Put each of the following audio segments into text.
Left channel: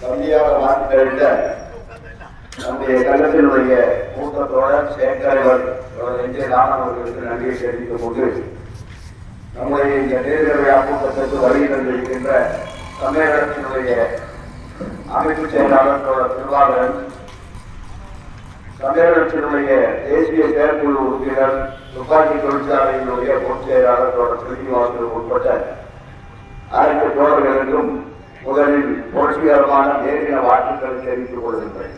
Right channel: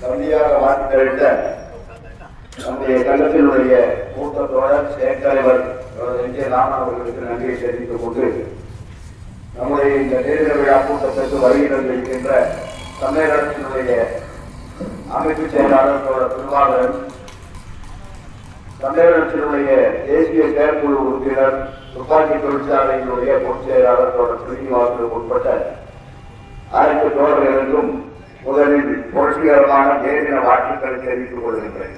கவிதையாக வாசித்தறிந்த நம்முடைய சங்கத்தினுடைய கூட்டத்தோழர் சேகர் அவர்களுக்கு நன்றியை தெரிவித்துக் கொண்டு நம்முடைய இந்த தேர்தல் விழா கூட்டத்திற்கு வருகை தந்திருக்கின்ற தமிழகத்தினுடைய அமைப்பு செயலாளர் தோழர் திருவாளர், தமிழகத்தினுடைய தேசிய செயற்குழு உறுப்பினர், துப்பாக்கி தொழிற்சாலையினுடைய பொதுச் செயலாளர் தோழர் திருவாளர் உட்பட்ட அனைத்து தோழர்களுக்கும் முதலில் புரட்சிகரமான தேர்தல் வாழ்த்துக்களை தெரிவித்துக் கொள்கின்றேன்.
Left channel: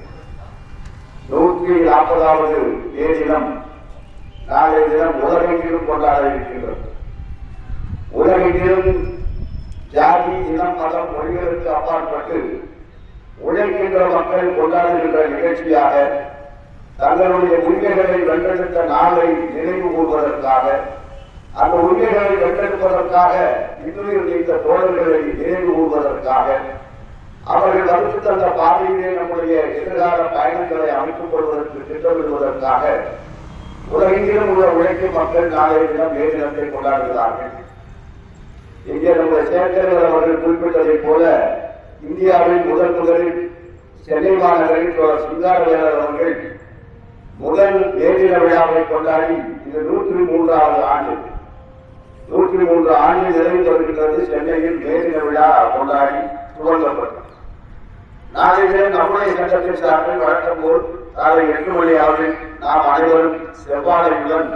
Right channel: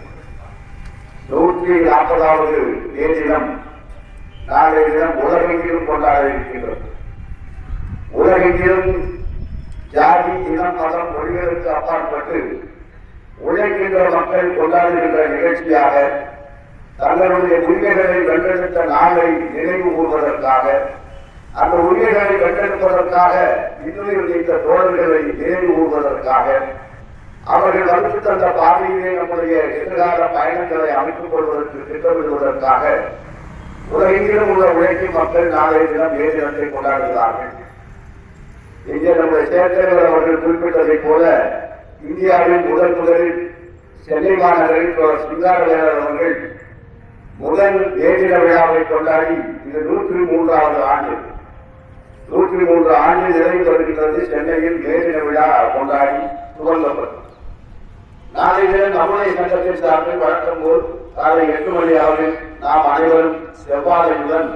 140வது தேதினம் நாளைய தினம் உலகெங்கிலும் கொண்டாட இருக்கின்றது. உலகெங்கிலும் ஜாதி, இனம், மதம், மொழிகளுக்கு அப்பாற்பட்டு உழைக்கின்ற மக்கள் கொண்டாடுகின்ற நிகழ்ச்சியாக தங்களுடைய உரிமைகளை வென்றெடுத்த நாளை நினைவு கூறுவதற்காக, அந்த உரிமைகளை வென்றெடுப்பதற்காக இன்னுயிர் நீத்த தோழர்களை நினைவு கூறுவதற்காக, அவர்கள் வகுத்து தந்த பாதையிலே நம்முடைய எதிர்கால பயணங்களை அமைத்துக் கொள்வதற்கு திட்டமிடுவதற்காக உலகெங்கிலும் உள்ள உழைக்கும் மக்கள் நாளைய தினம் மே தினத்தை கொண்டாடுகிறார்கள். இங்கே நம்முடைய சேகர் அவர்கள் குறிப்பிட்டதைப் போல இந்தியாவில் முதலில் சென்னை மாநகரில் சிங்காரவேலர் அவர்கள் முதல் மே தின விழாவை கொண்டாடி இது 103வது ஆண்டு. 103 ஆண்டு நிறைவு பெறுகின்றது. சென்னையில் மே தின விழா கொண்டாடி துவங்கப்பட்டது. நாளைய நம்முடைய சங்கத்தின் சார்பில் வழக்கம் போல் காலை 8 மணி அளவில் நாம் அனைவரும் செவ்வாழையுடன்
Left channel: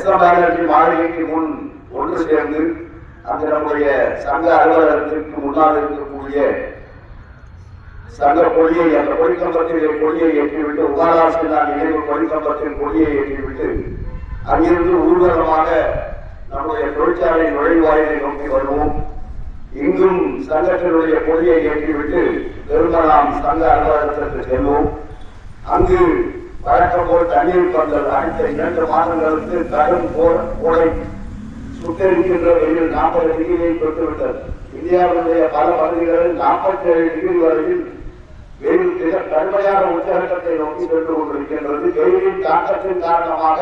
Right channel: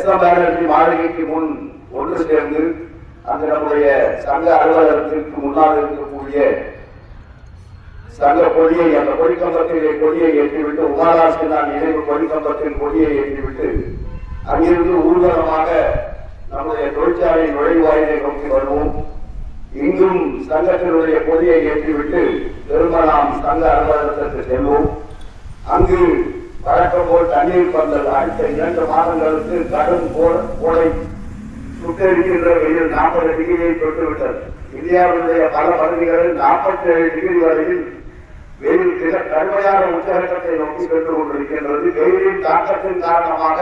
SM பானர்ஜி மாளிகைக்கு முன் ஒன்று சேர்ந்து அந்த நம்முடைய சங்க அலுவலகத்திற்கு முன்னால் இருக்கக்கூடிய சங்க கொடியை, அந்த கொடிக்கம்பத்திலே கொடியை ஏற்றிவிட்டு, உகாலாசினால் நினைவு கொடிக்கம்பத்தின் கொடியை ஏற்றிவிட்டு அங்கிருந்து ஊர்வலமாக நம்முடைய தொழிற்சாலை நுழைவாயிலை நோக்கி வருவோம். இங்கும் சங்கத்தினுடைய கொடியை ஏற்றிவிட்டு பெருமலாம் சங்க அலுவலகத்திற்கு செல்வோம். அங்கு வழக்கம் போல் தண்ணீர் பந்தல் அடுத்த 2 மாதங்களுக்கு கடும் கோடை சுட்டெரிக்கின்ற வெயில் 40 டிகிரியை தொட்டுவிட்டது. இந்தியாவுடைய பல பகுதிகளில் 47 டிகிரி வரையில் வெயில் மிக கடுமையான உச்சகட்டத்தை நோக்கி சென்று கொண்டிருக்கின்றது. வெயிலின் தாக்கத்தின் காரணமாக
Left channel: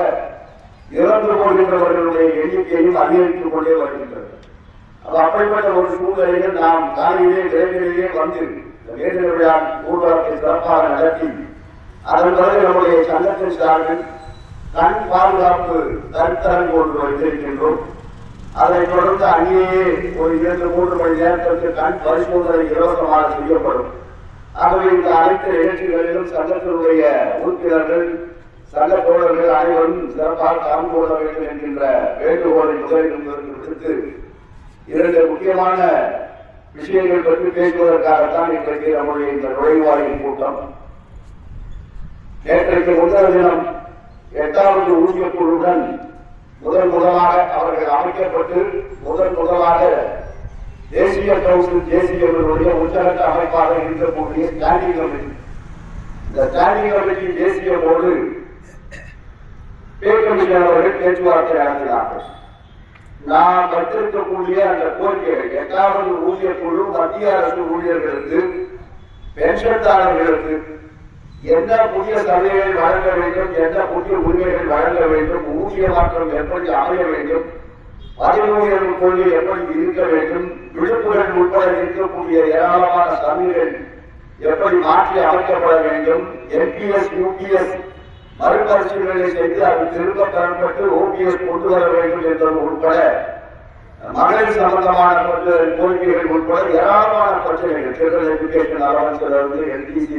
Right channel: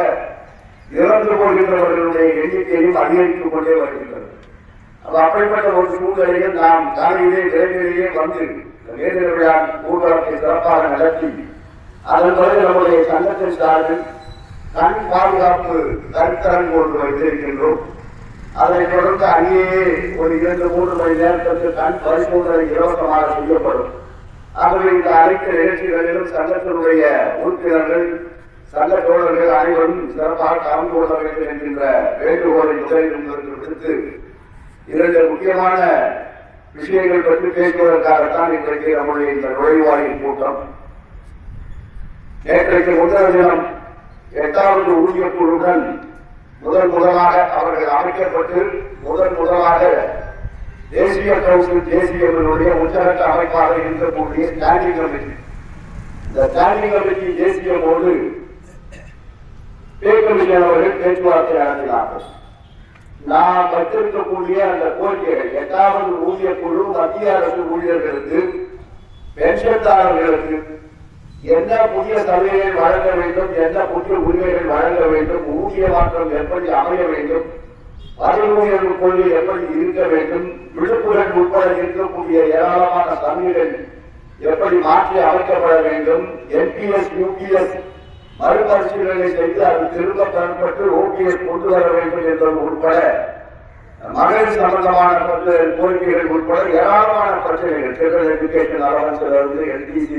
இறந்து போகின்றவர்களுடைய எண்ணிக்கையும் அதிகரித்துக் கொண்டே வருகின்றது. அப்படிப்பட்ட ஒரு சூழ்நிலையில் நாம் காலையிலே விரைவிலேயே வந்து தேர்தல் விழா ஊர்வலத்தை சிறப்பாக நடத்தி அதன் பிறகு நம்முடைய சங்கத்தின் சார்பில் கண் பாதுகாப்பு கருத்தரங்கு ஒன்று வைத்திருக்கின்றோம். அதைத் தொடர்ந்து அங்கேயே ஒரு 2-3 மணி நேரத்திற்கு கண் பரிசோதனை இலவசமாக செய்யப்படும். ஆகவே இந்த அனைத்து நிகழ்ச்சிகளிலும் சங்கத்தினுடைய உறுப்பினர்கள், சங்க தோழர்கள் அனைவரும் சிறப்பாக கலந்து கொள்ள வேண்டும் என்கின்ற வேண்டுகோளை முதலில் விடுத்து 2 முக்கியமான விஷயங்கள் பற்றி பேசுவதற்காகத்தான் இன்றைக்கு நம்முடைய இந்த நுழைவாயில் கூட்டம். நேற்றைக்கு முதல் தினம் 8வது ஊதியக் குழுவுடன் முதலாக அவர்கள் அமைக்கப்பட்டு முதலாக தேசிய கவுன்சில், தேசியங்களுடைய உச்சகட்ட அமைப்பாக இருக்கக்கூடிய ஸ்டாண்டிங் கமிட்டி, இந்த ஸ்டாண்டிங் கமிட்டி தேசியமோடு அவர்கள் பேச்சுவார்த்தை நடத்தினார்கள். நாம் வைத்திருக்கக்கூடிய அந்த கோரிக்கைகள் 8வது ஊதிய குழு மத்திய அரசு ஊழியர்களுக்கு, பென்ஷன்தாரர்களுக்கு என்ன புதிய சலுகைகள் வழங்க வேண்டும், என்ன புதிய உரிமைகள் வழங்க வேண்டும், ஊதிய மாற்றம் எப்படி அமைய வேண்டும், பதிவுகள் கொள்கை எப்படி இருக்க வேண்டும், விடுப்புகள் உட்பட இருக்கக்கூடிய ஏராளமான சலுகைகள் எப்படி மாற்றி அமைக்கப்பட வேண்டும், NPS, UPS மறுபரிசீலனை செய்து அது திரும்ப பெறப்பட்டு OPS கொண்டு வர வேண்டும் என்பது உட்பட மகளிர் சம்பந்தமான கோரிக்கைகள் உட்பட ஏராளமான பிரச்சனைகள், ஃபெடரல் எஜுகேஷன் அலவன்ஸிலிருந்து NDC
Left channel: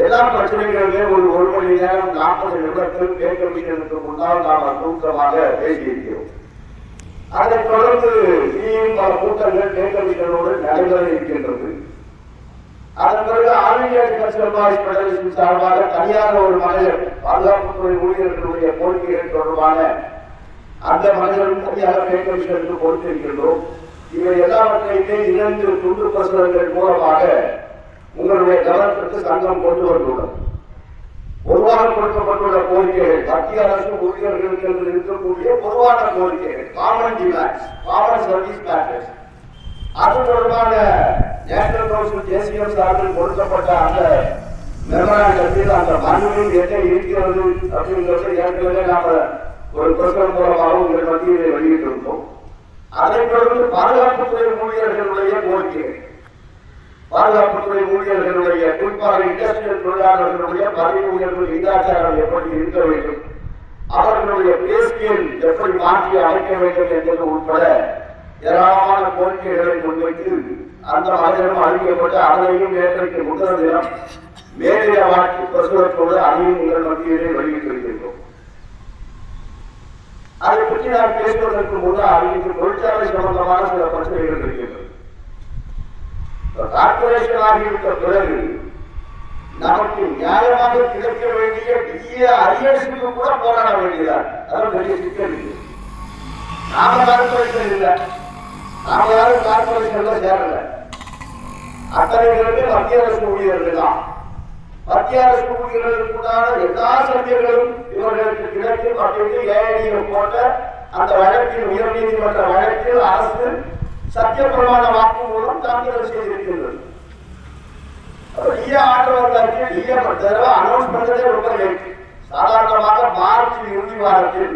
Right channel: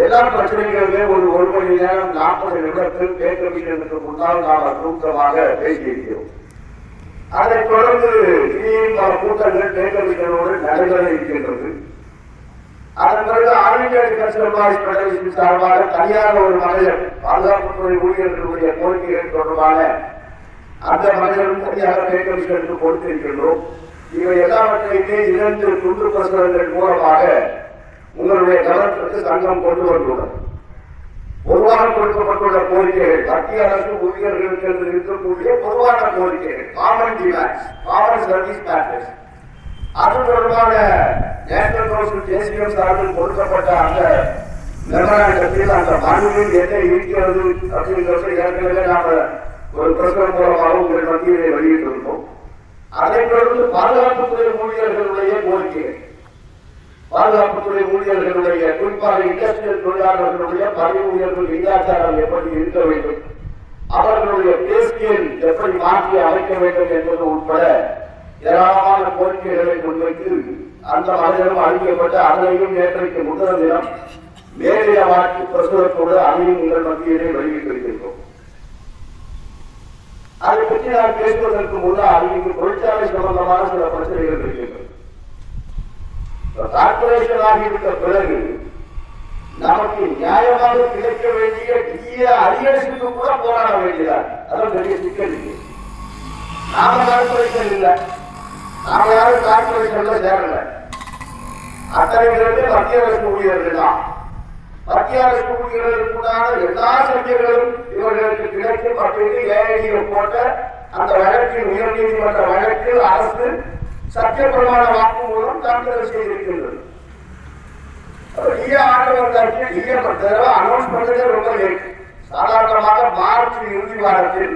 எல்லா பிரச்சனைகளுமே ஒரு மணி நேரம் 40 நிமிடத்தில் பே கமிஷனுக்கு முன்னால் நாம் கூட்டமாக பேசியிருக்கிறோம். அதைத் தொடர்ந்து பல கூட்டங்கள் பே கமிஷனோடு நடைபெற இருக்கின்றது. அதன் பிறகு all India defence employees federation சார்பாக தனியாக ஒரு மகளிர் பாதுகாப்புத்துறை ஊழியர்களுடைய கோரிக்கைகள் தொடர்பான அந்த மகளிரும் தனியாக பே கமிஷனுக்கு கொடுத்திருக்கின்றோம். இவை எல்லாவற்றையுமே 2 துண்டு பிரசுரங்கள் மூலமாக உங்களுடைய கவனத்திற்கு சங்கம் கொண்டு வந்துள்ளது. பொதுவாக கொடுக்கப்பட்டுள்ள கோரிக்கைகள் மத்திய அரசு ஊழியர்களுக்கு இருக்கக்கூடிய பொதுவான கோரிக்கைகள், common demands, common service matters. அது தொடர்பான நேஷனல் கவுன்சில் தேசியம் சார்பில் கொடுக்கப்பட்ட அந்த மெமராண்டத்தில், அந்த மனுவில் என்ன இருக்கிறது அப்படிங்கிறது ஏற்கனவே நாம ஒரு பிரசுரம் மூலமாக உங்கள் மத்தியிலே வெளியிட்டிருந்தோம். அதைத் தொடர்ந்து பாதுகாப்புத்துறை ஊழியர்களுடைய கோரிக்கைகள், பாதுகாப்புத்துறை ஊழியர்களுடைய குறிப்பாக இண்டஸ்ட்ரியல் தொழிலாளர்களுடைய பதவி உயர்வு விகிதாச்சாரம் எப்படி இருக்க வேண்டும், அவர்களுடைய பேஸ்கேல் எப்படி மாற்றி அமைக்க வேண்டும் என்பது உட்பட ஏராளமான கோரிக்கைகளை முன்வைத்து அந்த மனிதனம் அளிக்கப்பட்ட அதனையும் நேற்றைக்கு முதல் தினம் மேதைய வாழ்க்கை பிரசுரத்தோடு அதையும் உங்கள் மத்தியிலே வெளியிட்டிருக்கின்றோம். அதை பற்றி நான் பேசுவதற்கு முன்னால் இங்கு தொழிற்சாலை சம்பந்தமான சில பிரச்சனைகள் இருக்கின்றன. கார்பரேஷன் ஆகியிருந்த பிறகு நமக்கு நியாயமாக கிடைக்க வேண்டிய டிஏ அரியர்ஸுக்கு கூட போராட வேண்டியதான். அதான் பெரிய சிக்கல். நாம கார்பரேஷன் இல்லை, நாம யாரும் கார்பரேஷன்ல சேரல. அத்தனை பேருமே மத்திய அரசு ஊழியர்கள் தான். மத்திய அரசு ஊழியர்களுக்கு உண்டான எல்லா சலுகைகளும் இவர்களுக்கு கிடைக்கும் அப்படின்னு ஏஐடிஎஃப் போட்ட அந்த வழக்கில் உயர்நீதிமன்ற வழக்கில் அரசு சத்திய பிரமாண வாக்கு மூலம் தாக்குதல் செய்திருக்கின்றது. ஆர்டர் வந்தாச்சு, டிஏ அனௌன்ஸ் பண்ணதே ரொம்ப லேட். சாதாரணமாக மார்ச் இறுதி வாரத்தில்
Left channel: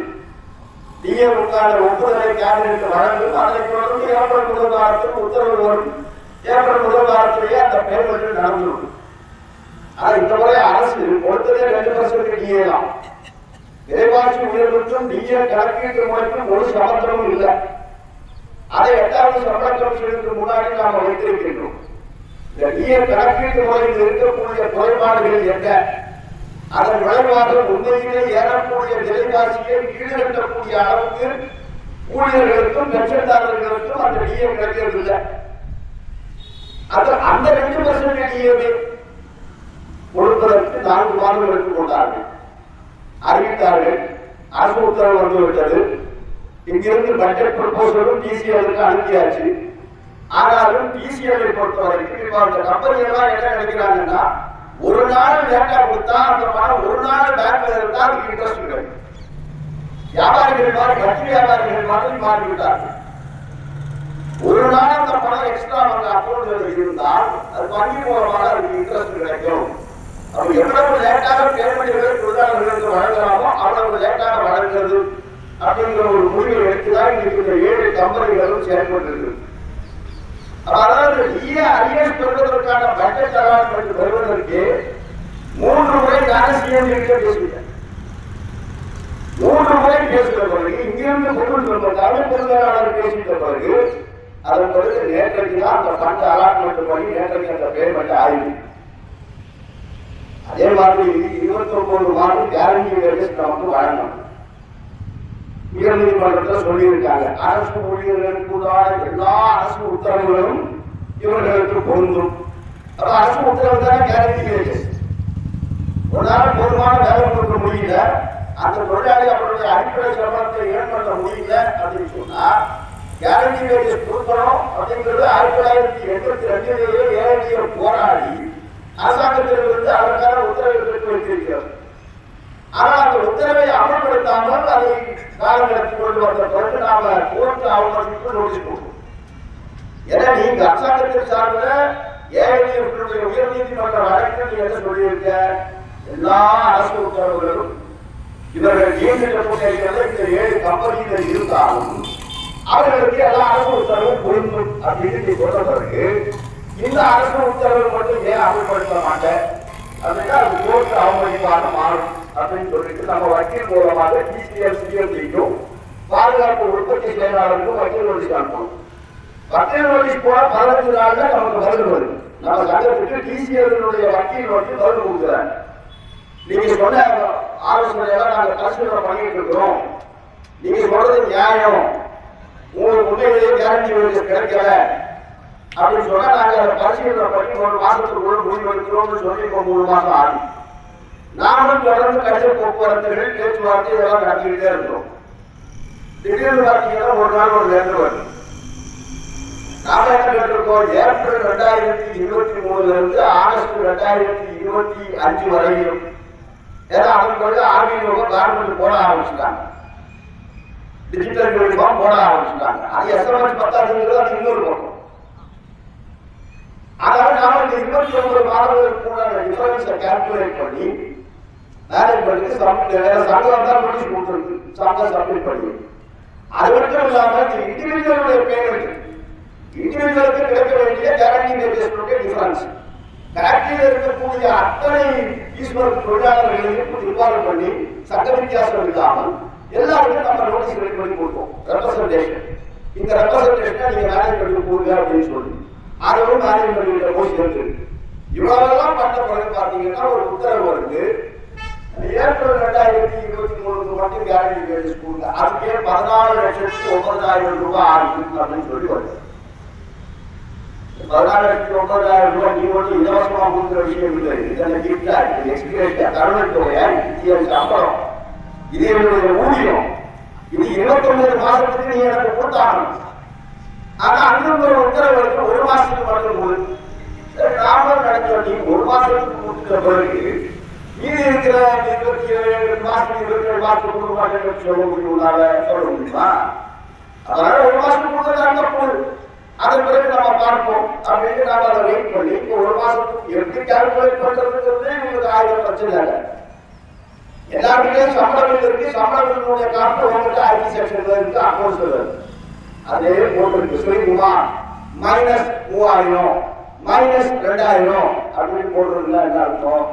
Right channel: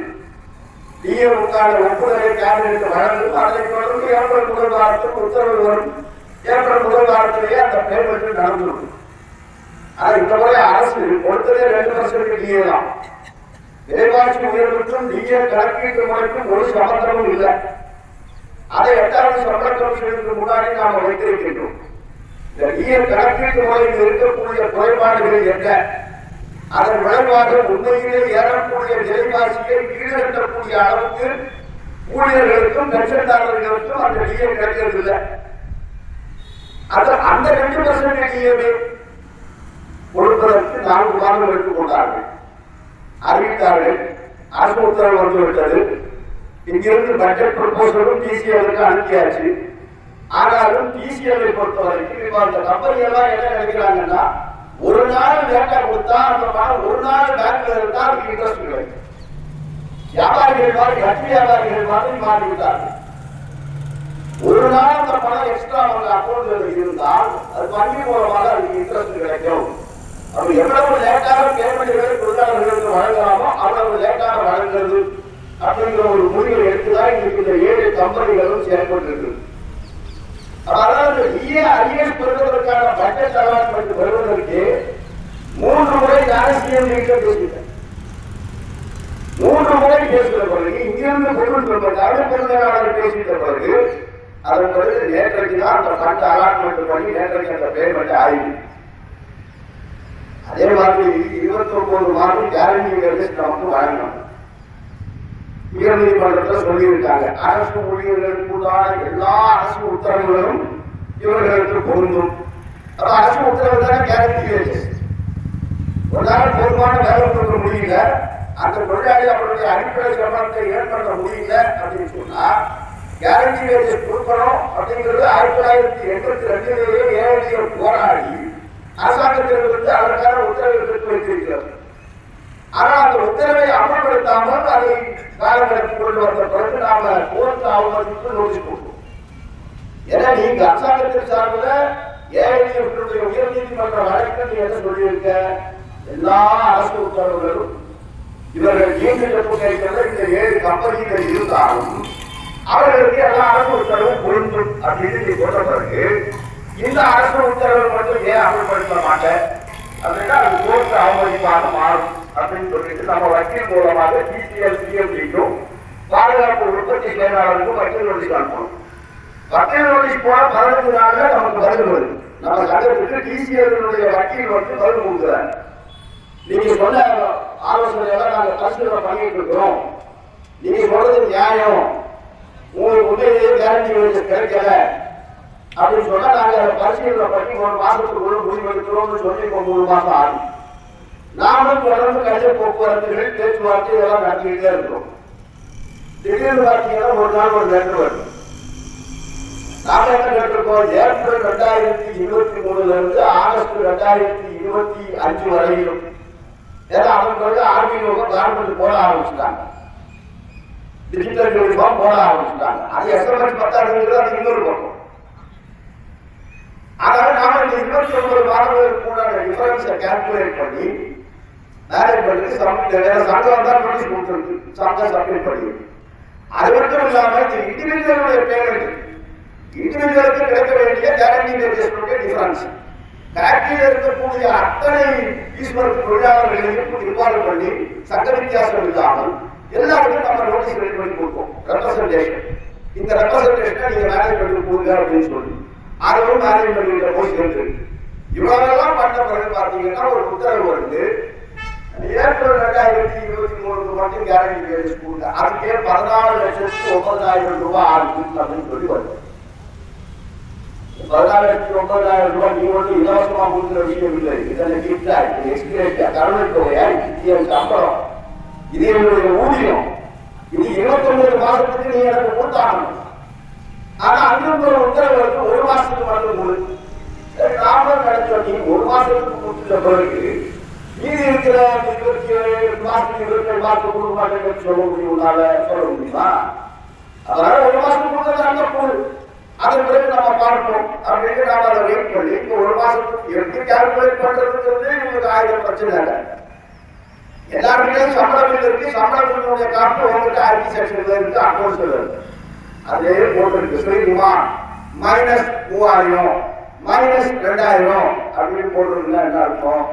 டிஏவுக்கான ஒப்புதலை கேபினெட் வழங்கும். அதனை தொடர்ந்து ஏப்ரல் முதல் வாரத்துக்கு உத்தரவு வரும். ஏப்ரல் முதல் வாரத்திலேயே அந்த பேமெண்ட் நடந்துடும். ஆனா இந்த முறை அரசு கொடுத்ததே 2% டிஏ தான். விலைவாசி உயர்வுக்கும் டிஏ கணக்கீட்டு முறைக்கும் ஒரு சம்பந்தமும் இல்லை. அதை 8வது சம்பள கமிஷனுக்கு முன்னாடி நாம் வைத்திருக்கின்றோம். இந்த டிஏ கணக்கீட்டு முறையில் இருக்கக்கூடிய குறைபாடுகள் என்ன, அதன் விளைவாக உண்மையிலே ஏறக்கூடிய விலைவாசியை ஈடுகட்டக்கூடிய அளவுக்கு ஊழியர்களுக்கும் பென்ஷன்தாரர்களுக்கும் அந்த டிஏ கிடைக்கிறதில்லை. அந்த 2% டிஏவை கொடுப்பதற்கு 4 மாதம் எடுத்துக்கொண்டார்கள், அறிவித்தார்கள். அரசு உத்தரவு வந்துவிட்டது. இங்கிருந்து பட்ஜெட் ப்ரொபோசலும் டிசிஎலுக்கு அனுப்பியாச்சு. ஆனாலும் டிசிஎலை பொறுத்தவரைக்கும் இப்ப அந்த கம்பெனி எல்லாம் என்ன நினைக்கிறாங்கன்னா, ஒரு நாள் லேட்டா கொடுத்தா அந்த பணம் ஒரு நாள் பேங்க்ல இருந்தா அதுக்கு இன்ட்ரெஸ்ட் கிடைக்கும். வியாபாரிகள் மாதிரி வட்டி வியாபாரிகள் மாதிரி மாறிவிட்டார்கள். ஒரு நாள் அந்த பணம் எக்ஸ்ட்ரா அவங்க அக்கௌண்ட்ல இருந்தால் அது வங்கி மூலமாக அதுக்கு இன்ட்ரெஸ்ட் கிடைக்கும். அப்ப எவ்வளவு லேட்டாக பேமெண்ட்களை தொழிலாளர்களுக்கு வழங்கலாமோ அவ்வளவு லேட்டாக வழங்குறது அப்படிங்கிற ஒரு முடிவை எடுத்துதான் இன்னைக்கு இந்த 7 கம்பெனிகளும் செயல்பட்டு. அதாவது டிஏ அரியர்ஸ் பெறுவதற்கான பட்ஜெட் அலாட்மெண்ட் பெறுவதற்கு 3 முறை நானே சிஎம் பேசிட்டேன். 3 முறை பேசுகிற பிறகு இங்கிருந்து தமிழ் பெருமையாளர் பேசிட்ட பிறகு அதன் பிறகு நேற்றைக்கு தான் அந்த ஃபண்ட் அலாட்மெண்ட் பண்ணி நேற்றைக்கு அந்த பேமெண்ட் ஆயிடுச்சு. அதே மாதிரி 29 மாதம் கேரண்டி வேலைஸ் நமக்கு வழங்கணும். உயர்நீதிமன்றத்தில் சொல்லியிருக்காங்க, அரசு ஊழியர்களுக்கு உண்டான எல்லா அரசு உத்தரவுகளும் இவர்களுக்கு பொருந்தும். அப்ப அரசு உத்தரவு தானே கேரண்டி வேலைஸ். ஒரு நாள் போதுமான வேலை கொடுக்க முடியல, அந்த தொழிலாளி அவருடைய அடிப்படை சம்பளத்தை ஏன் பண்ண முடியல அப்படின்னு சொன்னா கேரண்டி வேலைஸ் கொடுக்கணும் அப்படிங்கிறது 1982 ஏஐடிஎஃப் போராடி அரசாங்கத்திலிருந்து அதற்கான உத்தரவை பெற்று வைத்திருக்கிறது. ஆனால் அந்த உத்தரவை அமல்படுத்தாமல் அதை காலங்களுக்கு கொண்டு வந்த பிறகு நாம கோர்ட் அவங்களுக்கு நோட்டீஸ் கொடுக்கணும். ஏன்னா நீங்க அரசாங்கத்தின் சார்பில் ஏஐடிஎஃப் உயர்நீதிமன்ற வழக்கில் நீ என்ன சொல்லியிருக்க, எல்லா அரசு உத்தரவுகளும் இவர்கள் நியமிக்கப்பட்ட இந்த 7 கம்பெனிகள் இருந்தாலும் அவர்களுக்கு எல்லா அரசு உத்தரவும் பொருந்தும் அப்படின்னு நீ சொல்ற பிறகு இந்த அரசு உத்தரவு மட்டும் ஏன் அமல்படுத்த மாட்டேன், அதுக்கு அது கோர்ட் அவமதிப்பாக மாறும் அப்படின்னு சொல்லிட்டு நம்ம வக்கீல் மூலமாக டிசிஎல் சிஎம்டிக்கும் பாதுகாப்பு உற்பத்தி செயலாளருக்கும் வக்கீல் நோட்டீஸ் அனுப்பணும். வக்கீல் நோட்டீஸ் போல 15 நாள்ல நமக்கு பதில் வரும். நம்ம சட்டத்துக்கு டிசிஎல் வக்கீல் வந்து பதில் கொடுக்குறாங்க. நீங்க சொன்ன ஆலோசனையெல்லாம் நாங்க பரிசீலனை பண்ணிட்டு இருக்கிறோம், நீங்க சொல்றது நியாயம், உங்களுக்கு உண்மையிலேயே கேரண்டி வேலைஸ் கிடைக்கல அப்படின்னு சொன்னா நாங்க அதை பரிசீலனை பண்ணி 1 மாசத்துக்குள்ள முடிவெடுக்கிறோம்னு சொல்லி 3 மாசம் ஆகும். நாமளும் தொடர்ந்து கடித போக்குவரத்துகள் பேச்சுவார்த்தை இதெல்லாம் நடத்திக்கிட்டே இருக்கிறோம். திடீர்னு பார்த்தீங்கன்னா ஒரு நாள் ஒரு வேண்டுகோள். நாம என்ன கேட்டிருக்கோம், ஏப்ரல் 2023 இருந்து ஆகஸ்ட் 2025 வரையிலும், ஏன்னா அதன் பிறகு ஆர்பிஐ கவர்மெண்ட் போட ஆரம்பிச்சுட்டாங்க, டிஜிட்டல் யூனிஃபார்ம் போட ஆரம்பிச்சுட்டாங்க. அது எஸ்எம்எஸ் 10 அது இன்னொரு பக்கம். அதனால நாம இந்த 29 மாதங்களுக்கு கூட டிஃபரன்ஸை கால்குலேட் பண்ணி மேனேஜ்மெண்ட்டுக்கு சங்கம் தான் நோட்டீஸ் கொடுத்துருக்கு, சங்கம் சப்மிட் பண்ணி. அது மட்டும் இல்லாம இந்த இண்டிவிஜுவலுடைய பேமெண்ட் இண்டிவிஜுவலுக்கு கிடைக்க வேண்டிய கேரண்டி வேஜஸ் டிஃபரன்ஸ். ஃபேக்டரியில் இருக்கக்கூடிய அத்தனை ஈஸ்வருக்கு தொழிலாளர்களையும் இன்வால்வ் பண்ணி சங்க வித்தியாசம் இல்லாமல் எல்லாருக்கும் நம்ம நோட்டீஸ் ரெடி பண்ணி கொடுப்போம். ரெப்ரசன்டேஷன், இந்த ரெப்ரசன்டேஷனை நீங்க மேனேஜ் பண்ணி கொடுங்க அப்படின்னு சொல்லி அதுவும் மேனேஜ் பண்ணிட்டு போய் சேர்ந்து இவ்வளவெல்லாம் பண்ண பிறகு பார்த்தீங்கன்னா ஒரு உத்தரவு வருது. ஏப்ரல் 2023 மட்டும் கேரண்டி வேஜஸ் கொடுங்க, அதுக்கே 14,09,000 ரூபாய் ஆகும் அப்படின்னு சொல்லி வருது. 14,09,000 ரூபாய் நீ வந்து இலவசமா கொடுக்குற விஷயம் இல்லை. இதெல்லாம் கிஃப்டா, எக்ஸ்பிரேஷா, கருணைத்தொகையா, இது சம்பளம், இது என்னுடைய ஊதியம், இது 29 மாசத்துக்கு நீ எனக்கு கொடுத்தாகணும். ஆனா அங்கு ஒரு உத்தரவு வருது, ஒரு மாசத்துக்கு மட்டும் போது. சரி, நாமளும் நடத்தோம். நீங்க ஒரு மாசத்துக்கு கொடுத்துட்ட பிறகு மீதி இருக்கிற 27 மாசத்துக்கு 27 மாசத்துக்கு கொடுக்க மாட்டேன்னு சொல்ல முடியுமா? அதனால ஒரு மாசத்துக்கு கொடுத்தா போகுது. அதன் பிறகு நம்ம பார்ப்போம் அப்படின்னு நாம அதை வெயிட் பண்ணி இப்போ ஒரு மாசத்துக்கு எப்படி கால்குலேட் பண்றதுங்கிறது உங்களுக்கு 1000 பிரச்சனை இல்லை. எல்லாருக்கிட்டையும் சம்பள பில் இருக்கு. சம்பள பில்லுடைய காப்பு உங்கள்கிட்ட ஐடி செக்ஷன்ல இருக்கு, அக்கௌண்ட்ஸ்ல இருக்கு. அதே போட்டு ஸ்ரீகுமார் -3000 -2000 அப்படின்னு போடுறதுல என்ன அர்த்தம்?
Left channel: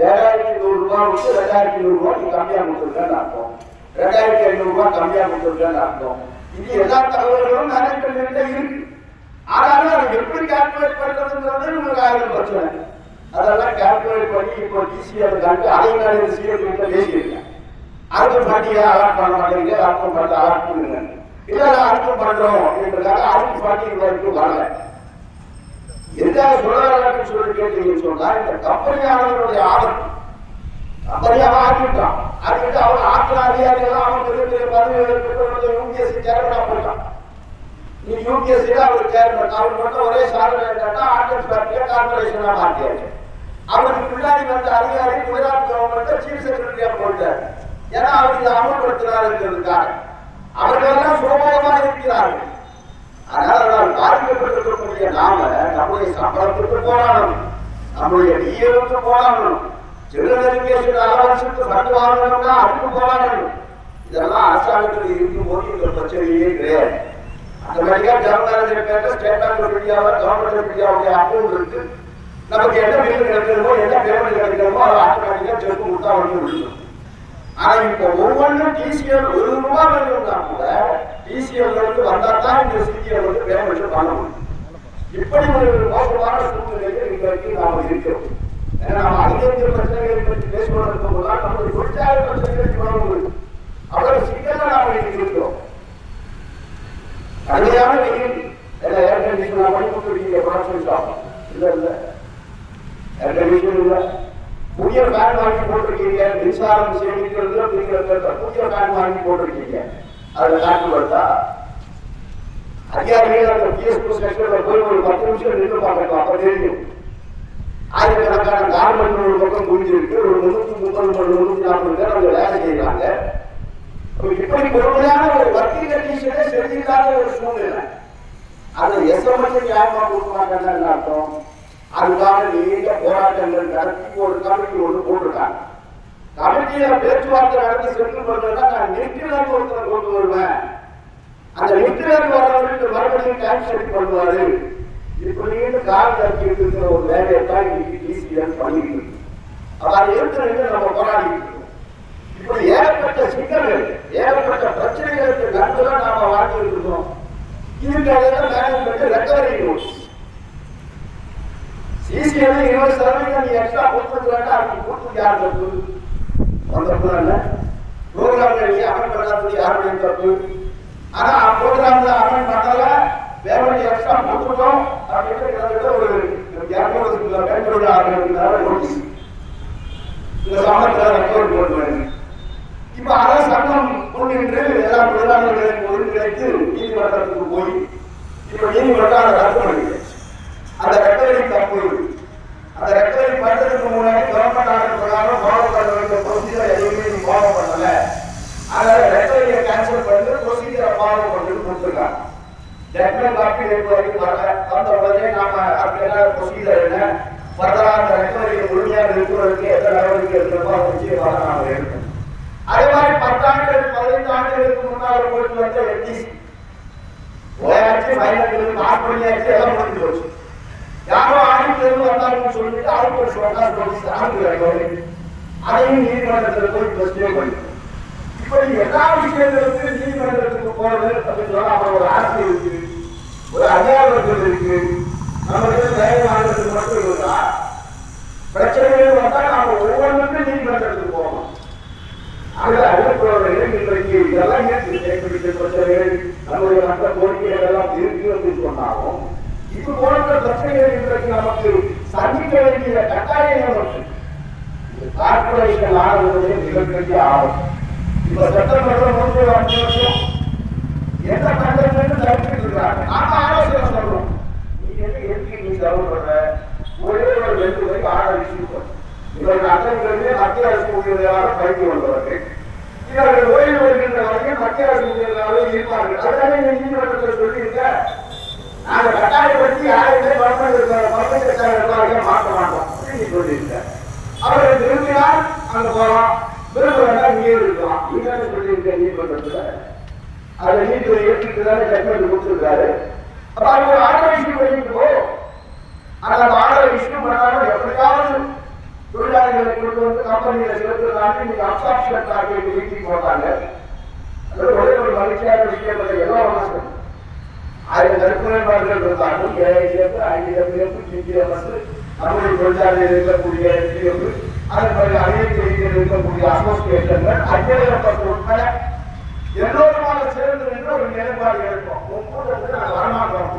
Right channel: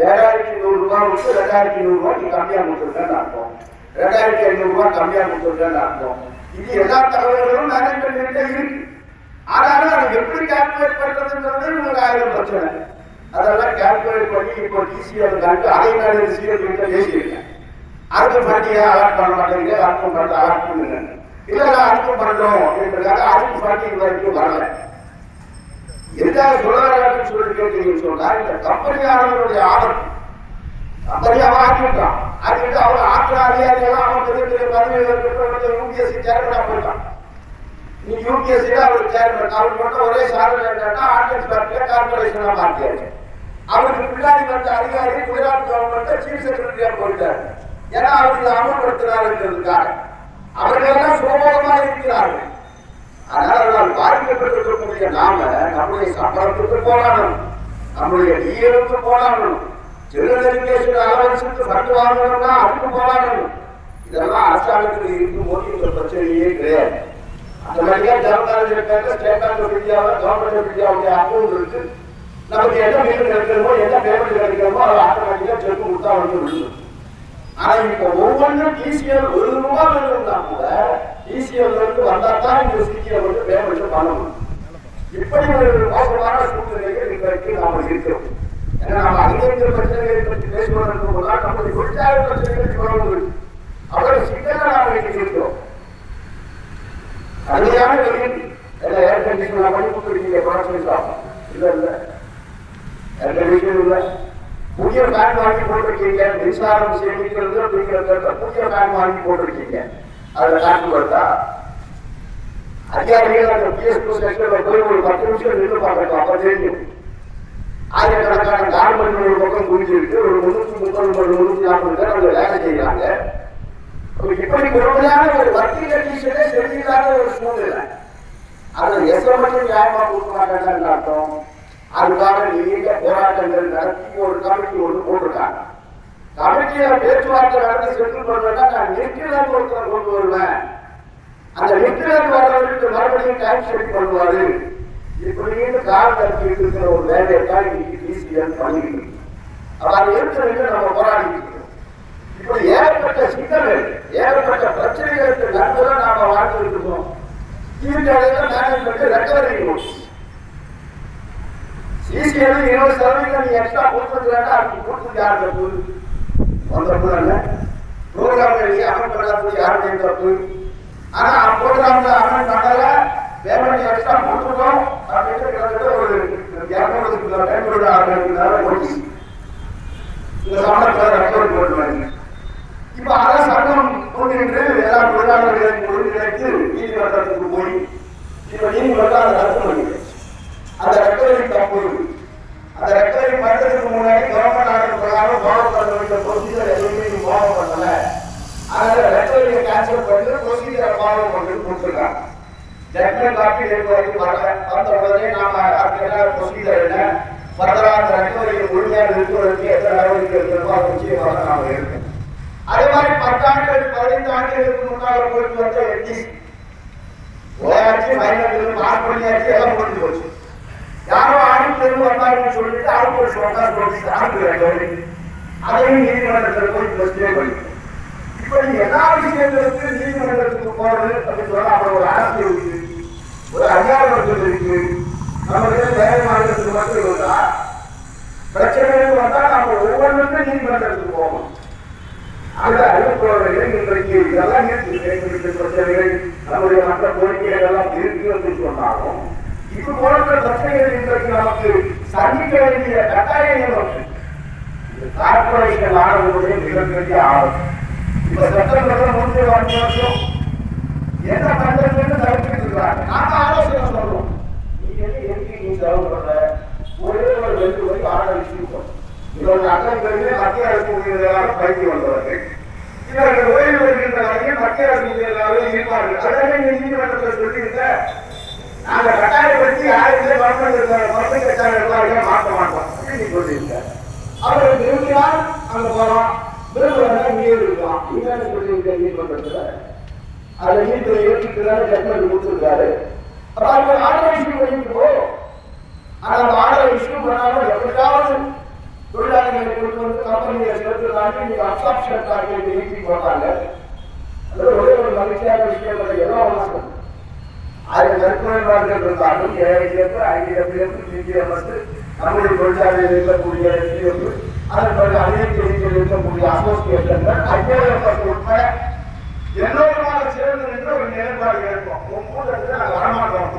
7,100 ரூபாய் விட்டு 2,100 ரூபாய் நீ கம்மியா கொடுத்துருக்கேன்னு அர்த்தம். 2,500 ரூபாய் கம்மியா கொடுத்துருக்கேன்னு அர்த்தம். இது எல்லா தகவல்களும் மேனேஜ்மெண்ட் இருக்கு. ஆனாலும் அதை எப்படி கால்குலேட் பண்றதுங்கிறது உங்களுக்கு 1000 பிரச்சனை. அதெல்லாம் கால்குலேட் பண்ணி இப்போ டிசிஎல் கணக்கு அதை நான் சிஎல் கிட்ட பேசியிருக்கேன். அதுக்கு ஃபண்டியா அலாட் பண்ண மாட்டேங்குது, அதுக்கும் ஃபண்ட் அலாட் பண்ணுங்க. இல்ல அதுக்கும் பண்றோம் அப்படின்றதுக்காக அதுக்கு ஃபண்டிங் வரைக்கும் வரல. எதுக்காக சொல்ல வர்றாங்கன்னு சொல்லி கேட்டீங்கன்னு சொன்னா, இந்த கம்பெனியானவருடைய ஆபத்து. கம்பெனி அவன் ஆக்கிவிட்டான். ஆக்கிவிட்டு அவங்க ஆத்திர அதிகாரிகள் அவன் பெரிய பெரிய பதவிகளுக்கு யூபிஎஸ்சி சேர்மனா போயிட்டான். நீ யூபிஎஸ்சியில அவர் சேர்மன். அவர் மட்டும் ஒரே சாதனை என்னன்னா ஆர்டிஎஸ் பேங்க்ல கார்பரேஷனா மாற்றியாச்சு. அவருக்கு பின்னாடி வந்த அதிகாரி குஜராத் கவர்மெண்ட் சீஃப் செக்ரட்டரியா போயிட்டார். ஏன்னா அவருக்கு அமல்படுத்தினாருங்கிறதுக்காக. அவர்கள் எல்லாம் சுகபோகமாக இருக்கிறார்கள். அதனால் பாதிக்கப்பட்டிருக்கக்கூடிய நாம நம்முடைய சம்பளத்துக்கு போராடணும், நம்முடைய டிஏவுக்கு போராடணும், ஜெனரல் எஜுகேஷன் அலவன்ஸுக்கு ஃபண்ட் வாங்கணும்னா அதுக்கு போராடணும். இதெல்லாம் அரசாங்கத்தில் இருக்கும்போது இந்த பிரச்சனையே கிடையாது. அந்த மாதிரியா ஜனரல் மேனேஜர் பேர்ல ஸ்டேட் பேங்க் ஆஃப் இந்தியாவில் கவர்மெண்ட் ஆஃப் இந்தியாவுடைய அக்கௌண்ட் இருக்கு. நமக்கு என்ன பில் கிடைக்கணுமோ என்ன பேமெண்ட் கிடைக்கணுமோ அதை ஆட்டோமேட்டிக்கா செக் கொடுத்தா வந்து. ஆனா இப்ப ஒவ்வொன்றும் டிசிஎல் 1 ரூபாய் வேணும்னா கூட டிசிஎல் இருந்து வந்தா தான் இந்த சிடிஎல் வந்து பேமெண்ட் பண்ணணும். இப்படி ஒரு மோசமான சூழ்நிலையில் இன்றைக்கு நாம இருக்கிறோம். ஏன்னா நம்ம அதிக பிரச்சனைகளை பற்றி பேசுவதற்கு கூட நம்முடைய தொழிற்சாலை பிரச்சனைகளை சொல்ல முடியும். அவ்வளவு சிக்கல நாம இருக்கிறோம். கடுமையான வெயில் எல்லாம் ஏர் கண்டிஷனர் பண்ணி கொடுத்துருக்கீங்க, ப்ரொடக்ஷன் ஷாப் இல்ல இல்ல ஏர் கண்டிஷன் இல்ல. புதிய ஃபேன் வாங்கி போட்டிருக்கீங்க, மின்சாரம் சேமிக்கிறது அப்படிங்கிறத புதிய ஃபேன் வாங்கி போட்டிருக்கீங்க. அதில் காட்டு வருதா? அதிகாரிகள் அந்த பிஎஸ்பி செக்ஷன்ல போய் ஒரு 10 நிமிஷம் நின்று பார்க்கணும், அப்ப தெரியும். ஆயிரக்கணக்கான கார்மெண்ட் ஒரு பக்கம் குவிஞ்சிருக்கு, ஒரு 330 340 பேர் அவங்க வேலை செய்யறாங்க. இப்படி கொடுமையான ஒரு வர்த்தக கண்டிஷனே சரியில்லாத ஒரு சூழ்நிலை. அதை எஸ்எம்எஸ் நியாயமா கொடுக்க மாட்டாங்கன்னு அர்த்தம். அதுக்காக நீண்ட போராட்டங்கள் நடத்தி ஒரு கமிட்டி ஒன்று போட்டிருக்காங்க. கமிட்டியில பேச்சுவார்த்தை நடத்தி சென்று கொள்வதா நான் நிற்கிறேன் ஒருத்தரை கொண்டு வருவேன். அந்த நிற்கிறேன் வர்றவருக்கு மறுபடியும் டைம் செட் பண்ணுவாரு. இப்படின்னு கால் நடத்திட்டு இருக்கிற ஒரு வேலையை தான் இன்னைக்கு டிசிஎல் பண்ணிட்டு இருக்கு. அப்ப அது இருக்கிறது நம்ம போராடிட்டு இருக்கோம். இப்படி ஏகப்பட்ட சிக்கல்கள், ஏகப்பட்ட பிரச்சனைகளுக்கு நடுவில் நாம வாழ்ந்துட்டு இருக்கோம். இதுக்கு இடையில மேனேஜ்மெண்ட் ரெக்கவரி நோட்ஸ் சிசிஎல் 20% நீ எக்ஸ்ட்ரா கொடுத்துருக்கா, அதுக்கு கொடுத்து யாரு தப்பு? வந்தப்போ இல்லை ப்ரோக்ராம்ல நீ அமல் பண்ணாதது யாருடைய தப்பு? ஆனா ப்ரோக்ராம்ல அமல் பண்ணல, பேமெண்ட் எக்ஸ்ட்ரா கொடுத்துருக்கோம் அப்படின்னு ஒரு 200 பேமெண்ட் ஆரம்பிச்சு இந்த சம்பளத்தில் ரெக்கவர் போடுவாங்க. இப்ப அதை சட்டம் முன்னின்று எல்லா தொழிலாளர்களையும் ஒருங்கிணைத்து நீதிமன்றத்துக்கு போய் இப்ப நீதிமன்றம் அதை ரத்து பண்ணிடுது. அந்த ரெக்கவரி தப்பு. அந்த ரெக்கவரி பண்றதுக்கு முன்னாடி கவர்மெண்ட் ஆர்டர் பிரகாரம் ஃபாலோ பண்ண வேண்டிய ப்ரொசீஜர் எதுவுமே நீ ஃபாலோ பண்ணல. அதனால ரெக்கவரியை கேன்சல் பண்ணி ப்ரொசீஜரை ஃபாலோ பண்ணிட்டு கொடுத்துருக்காங்க. ஜட்மெண்ட் காப்பி வரைக்கும் வரல. வந்த உடனே நாம அதுக்கு என்ன ப்ரொசீஜர் என்ன, ஃபர்தரா அந்த ரெக்கவரியை முழுமையாக இருக்கிறதுக்கு எந்த நடவடிக்கை எடுக்கிறோமோ அதை நிச்சயமாக நாம எடுக்கணும். அதே மாதிரி 10 ஆண்டுகள் 15 ஆண்டுகளுக்கு முன்னால் போயிட்டு வந்த போயாச்சு, ஃபைனல் பாஸ் பண்ணியாச்சு, எல்லாம் முடிஞ்சு போச்சு. யாரோ ஆடிட்டு வந்தாங்கன்னு சொல்லிட்டு அவங்க ஒரு சொன்னார் நோட்டீஸ் அனுப்புறாங்க. அதையும் நீதிமன்றத்தில் போய் ஸ்டே பண்ணிக்கணும். இப்படி எல்லா விஷயங்களுக்கும் நீதிமன்றத்துக்கு போறது அப்படின்னு சொன்னா அப்புறம் ஒரு ஆசை இருக்கு, ஒரு அதிகாரங்கள் இருக்கு. நமக்கு தயமானதுக்கு மட்டும் இருந்தா பிரச்சனைகள் வந்தா நாம ஒவ்வொன்றுக்கும் நீதிமன்றத்துக்கு போகணும். அந்த அறிவிப்புறவர்கள் இன்றைக்கு இதெல்லாம் இருக்கு, பிரச்சனைகள் நம்முடைய மற்ற கோரிக்கைகள் எல்லாம் இருக்கு என்று சொன்னாலும் இது போன்ற பிரச்சனைகள் இன்றைக்கு நமக்கு சந்திக்க வேண்டிய கட்டாயம் இருக்கு. கார்பரேஷன் ஆனதுடைய மிகப்பெரிய ஆபத்து. இப்ப செப்டம்பர் 3 வருஷம் என்ன பண்றதுன்னு தடுத்துட்டு இருக்கிறாங்க. நாம ஆலோசனை சொல்றோம், நீ எதுக்கு நீ செலவு பண்ற, ஒரே ஒரு 2 வரை ஆர்டர் இஷ்யூ பண்ண. இவர்கள் அட்டங்களை மத்திய அரசு ஊழியர்களாக பயிற்சி வந்தவர்கள், இவர்கள் ஓய்வு வருகின்ற வரைக்கும் மத்திய அரசு ஊழியர்களாக இருப்பார்கள். அதனால நீதிமன்றத்தில் சொல்லியிருக்க நாங்க கட்டாயப்படுத்தி யாருமே மருத்துவ கட்டாயம் மாற்ற மாட்டோம் அப்படின்னு சொல்லியிருக்க. அவர்கள் விரும்பினால் அங்க போகலாம், விரும்புறதா இங்கே இருக்கலாம். நீங்க சொல்லியிருக்க நீதிமன்றத்துல அதை நீதித்துறை ஏற்றுக்கிறதால ஜட்மெண்ட் கொடுத்துருக்காரு. அப்ப அவங்க ஆர்டர் இஷ்யூ பண்ணிட்டு போ. ஆனா அந்த ஆர்டர் இஷ்யூ பண்ணாலும் எப்படியாவது தொழிலாளிகளை கொண்டு வந்து கம்பெனியை சேர்த்துனாங்க. இன்னைக்கு அப்சாப்ஷன் டார்கெட் நீட்டி போட்டாங்க. அது ஒரே ஒரு மகிழ்ச்சியான விஷயம். எல்லாம் ஒண்ணு சொல்றேன், 1000 நற்குணர்கள் இருந்தாலும் ஏஐஎஃப், ஐடிஎஃப், டிடிஎம்எஸ், நம்முடைய தொழிலாளர்கள் இருக்கக்கூடிய டிஎஃப், அதன் பிறகு அனைத்து இருக்கக்கூடிய அசோசியேஷன்கள், ஐஏஎஃப் உட்பட எல்லோருமாக சேர்ந்து நின்று ஒரு நிலைப்பாடு இருக்கும். கூட்டத்துக்கு நாங்கள் வரமாட்டோம்.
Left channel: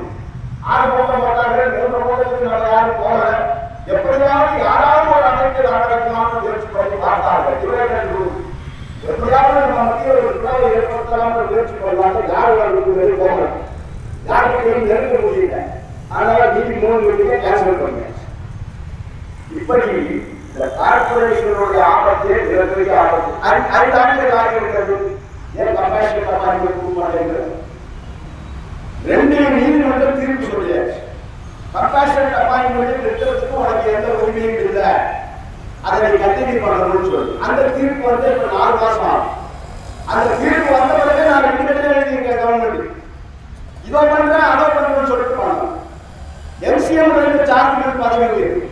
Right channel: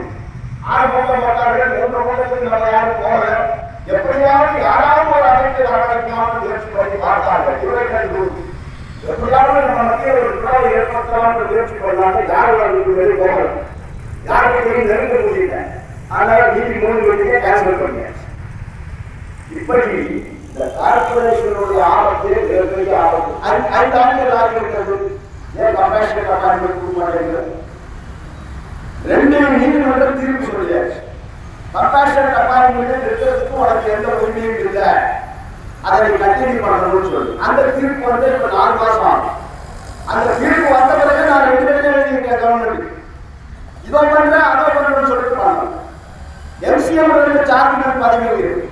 6 கூட்டம் போட்டார்கள், 3 கூட்டத்துக்கு நம்ம யாரும் போகல. எப்படியாவது யாராவது ஒரு அமைச்சர் ஆரம்பிக்கலாம்னு முயற்சி பண்ணி பார்த்தார்கள். எப்படியாவது நம்ம மத்திய ஒரு பிளவை ஏற்படுத்தலாம்னு முயற்சி பண்ணாங்க. யாரும் அதுக்கு வெளியே போகல, யாருக்கு நெருங்க முடியல. அதனால நீதி 3 வீட்டுக்கே கேன்சல் பண்ண. இப்படி இந்த கார்பரேஷனுடைய ஆபத்து மிகப்பெரிய ஆபத்து. 5 ஆண்டுகள் ஆகிவிட்டது. ஏன் கம்பேஷன் கொடுக்க மாட்டேங்கிற 2 நீதிமன்றம் தீர்ப்பு சொல்லியாச்சு. கம்பேஷன் அப்பாயின்மெண்ட் இருக்கிறதுக்கு உனக்கு எந்த உரிமையும் இல்லை, அதை நீ கண்டினியூ பண்ணணும்னு சொல்லி அந்த தீர்ப்பு வந்து இப்ப 4 மாசம் ஆகும். அந்த தீர்ப்பு வந்த பிறகு நான் 2 பேரும் எழுதியிருக்கேன் கவர்மெண்ட், இதோ பண்றேன் அதோ பண்றேன்னு சொல்லிட்டு பண்ணலாம். எம்சிஎம் சார்ஜ் பதவி இருக்கு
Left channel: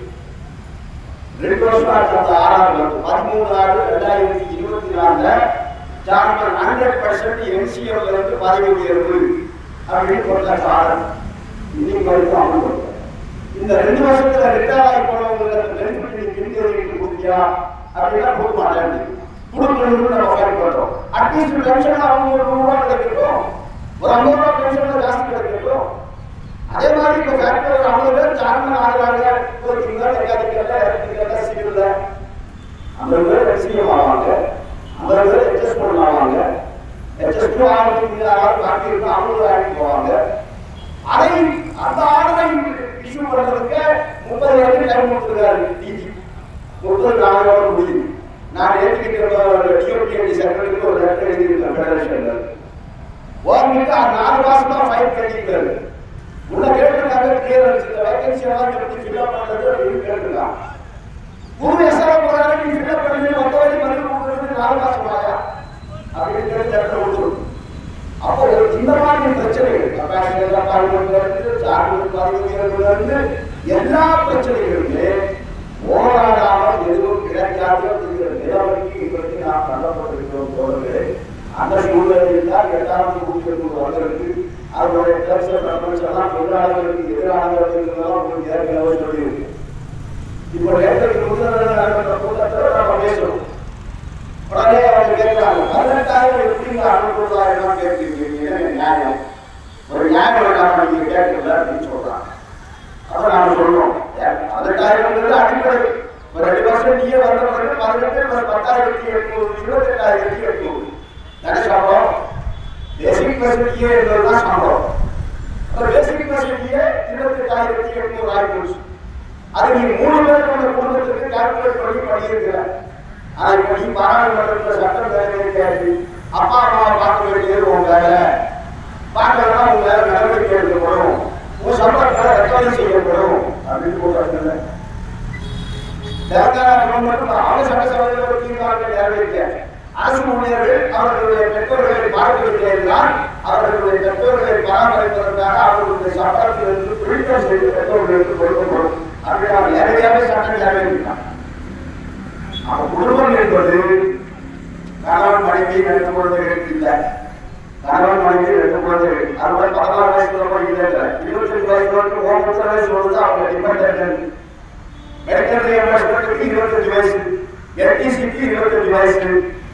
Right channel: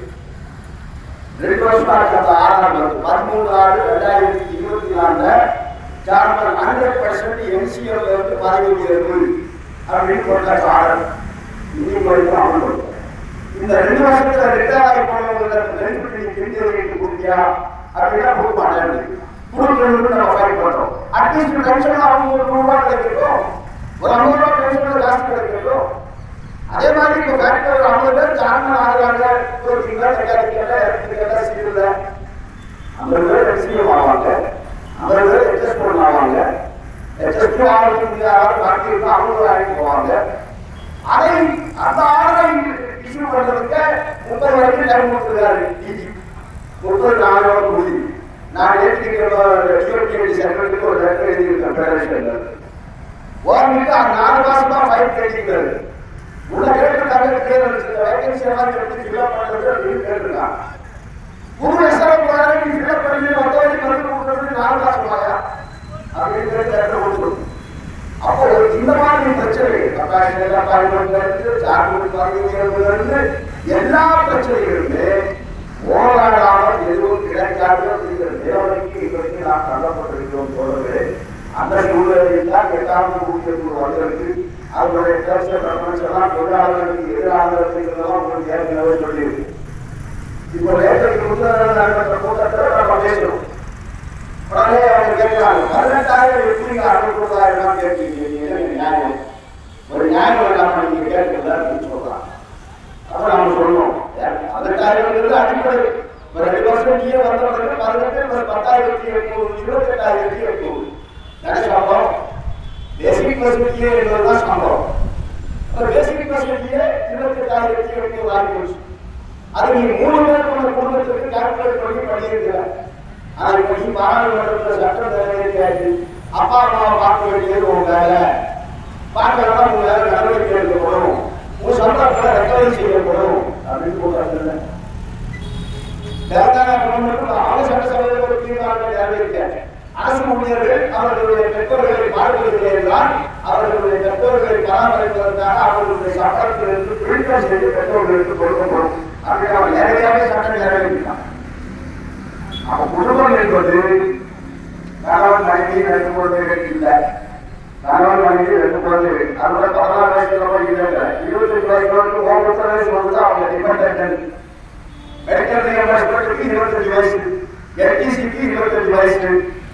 2 வருஷமா இருக்கு. 13/6/2024 சார்ஜ் 100% எம்சிஎம் பதவி உயர்வு அப்படின்னு போட்டாச்சு ஆர்டர். இன்னைக்கு வரைக்கும் அமல். இந்த 2 வருஷத்துல ரிட்டையர் ஆகி போனவங்களுக்கு பெனிஃபிட் பிரிஞ்சு கொடுத்தியா அப்படின்னா கொடுக்க மாட்டேன். கொடுக்கணும்னு நம்ம ஃபைட் பண்றோம். அட்லீஸ்ட் பென்ஷன் அவங்க ₹100 கிடைக்கும், ஒரு ₹50 பென்ஷன் ஜாஸ்தி கிடைக்கும். அதே மாதிரி இப்ப ஃபேக்டரி ஒரு 50 பேர் ஜாமீன் ஆகிறாங்க. ஒரு சீட்டுல 50 பேர் எக்ஸ்பிஎம் ஆவாங்க, 50 பேர் எச்எஸ்போன் ஆவாங்க. எச்எஸ்பி பாக்கி இருக்கும், அவங்க வேலைக்கு போவாங்க. அதை அந்த ஆர்டரை இஷ்யூ பண்றதுக்கு 30 வரைக்கும் டைம் கொடுத்துருக்காரு. 30 நாளோட முடியும். நான் ஏற்றிருக்கிற செக்ரட்டரிக்கு ஒரு லெட்டர் எழுதியிருக்கேன் ஃபெடரேஷன்ல. ஓர்மிட்டு 4 மாசம் தான் ஃபைல் கேட்டிருக்காரு. உள்ள கேட்டிருக்காங்க, கிளியரன்ஸ் வேகன்சி எல்லாம் எப்படி ஃபில்அப் பண்றது அப்படின்னு கேட்டிருக்காங்க. புது எஸ்ஆர் போறாரு, நீ ஃபில்அப் பண்ணி 10 வரைக்கும் பதில் கொடுக்கறதுக்கு 4 மாசம் ஆயா அப்படின்னு லெட்டர் கொடுத்துருக்கு. அப்போ இந்த மாதிரி பிரச்சனைகள் எல்லா பிரச்சனைகளுமே போராடாமல் எதுவும் கிடைக்காது அப்படிங்கிற நிலைமைக்கு இன்றைக்கு நாம் தள்ளப்பட்டிருக்கிறோம். தோழர்களே, அந்த சூழ்நிலையில் தான் 8ஆவது ஊழியர்கள் வந்திருக்கு. அவருடைய எல்லாம் தொழிலாளர்களுக்கு எதிராக அப்படிங்கிறதெல்லாம் உங்களுக்கு ஏற்கனவே சொல்லியிருக்கு. இப்போ நேற்றைக்கு முதல் நடந்த கூட்டத்தில் நம்ம பேசுகிறோம். உடனே அவங்க கேட்கிறாங்க, 18,000 எப்படி 60,000 கேட்கிறீங்க, எனக்கு நியாயம், ஒரு நியாயம் வேண்டாம் நீங்க கேட்கல அப்படின்னு சொல்றாங்க. அப்ப நாம சொல்லுவோம் 18,000 அடிப்படை. 2 வருஷம் நீங்க வந்த பிறகு 18 + 10,800 28,800 சம்பளம். பேசிக் ஃபெசிலிட்டியே என்பதுதான் சம்பளம். பேசிக் ஃபெசிலிட்டியே 28,800 ஆகிப்போச்சு. அது நீ 3 பேருக்கு குடும்பத்துக்கு கால்குலேட் பண்ணி படிச்சிருக்கிறேன். ஆனா இப்ப நீ பாராளுமன்றத்தில் சட்டம் நிறைவேற்றி அப்பா அம்மாவை பார்க்க வேண்டியது உன் வேலை. பார்க்கறதா உங்க வேலை நடவடிக்கை எடுக்கப்படும், உன் சம்பளத்தை ரெக்கவரி செய்யப்படும் அப்படின்னு சொல்றாங்க. தெலுங்கானா கவர்மெண்ட் அவங்க சட்டசபையில் ஒரு தீர்மானத்தை நிறைவேற்ற அரசு ஊழியர்கள் அவர்களுடைய பெற்றோர்களை பார்வையிட்டால் அவர்களுடைய பெற்றோர்களை பராமரிப்பதற்காக அவர்களுடைய சம்பளத்திலிருந்து குறிப்பம் செய்து பெற்றோர்களுக்கு கொடுக்கப்படும். அப்படி அவர் நேரடியாகவே சாட்சி நிறைவேற்றான். அப்ப குடும்பம் என்பது கணவன் மனைவி 2 குழந்தைகள் இல்லை. கணவன் மனைவி 2 குழந்தைகள். அதுபோல 16 வயசுல இல்லை, 25 வயசு வரைக்கும் வயசு வந்து அவங்க டிபெண்டன்ட். மெடிக்கல் எம்எஸ்க்கு 25 வயசு, எல்டிசிக்கு 25 வயசு,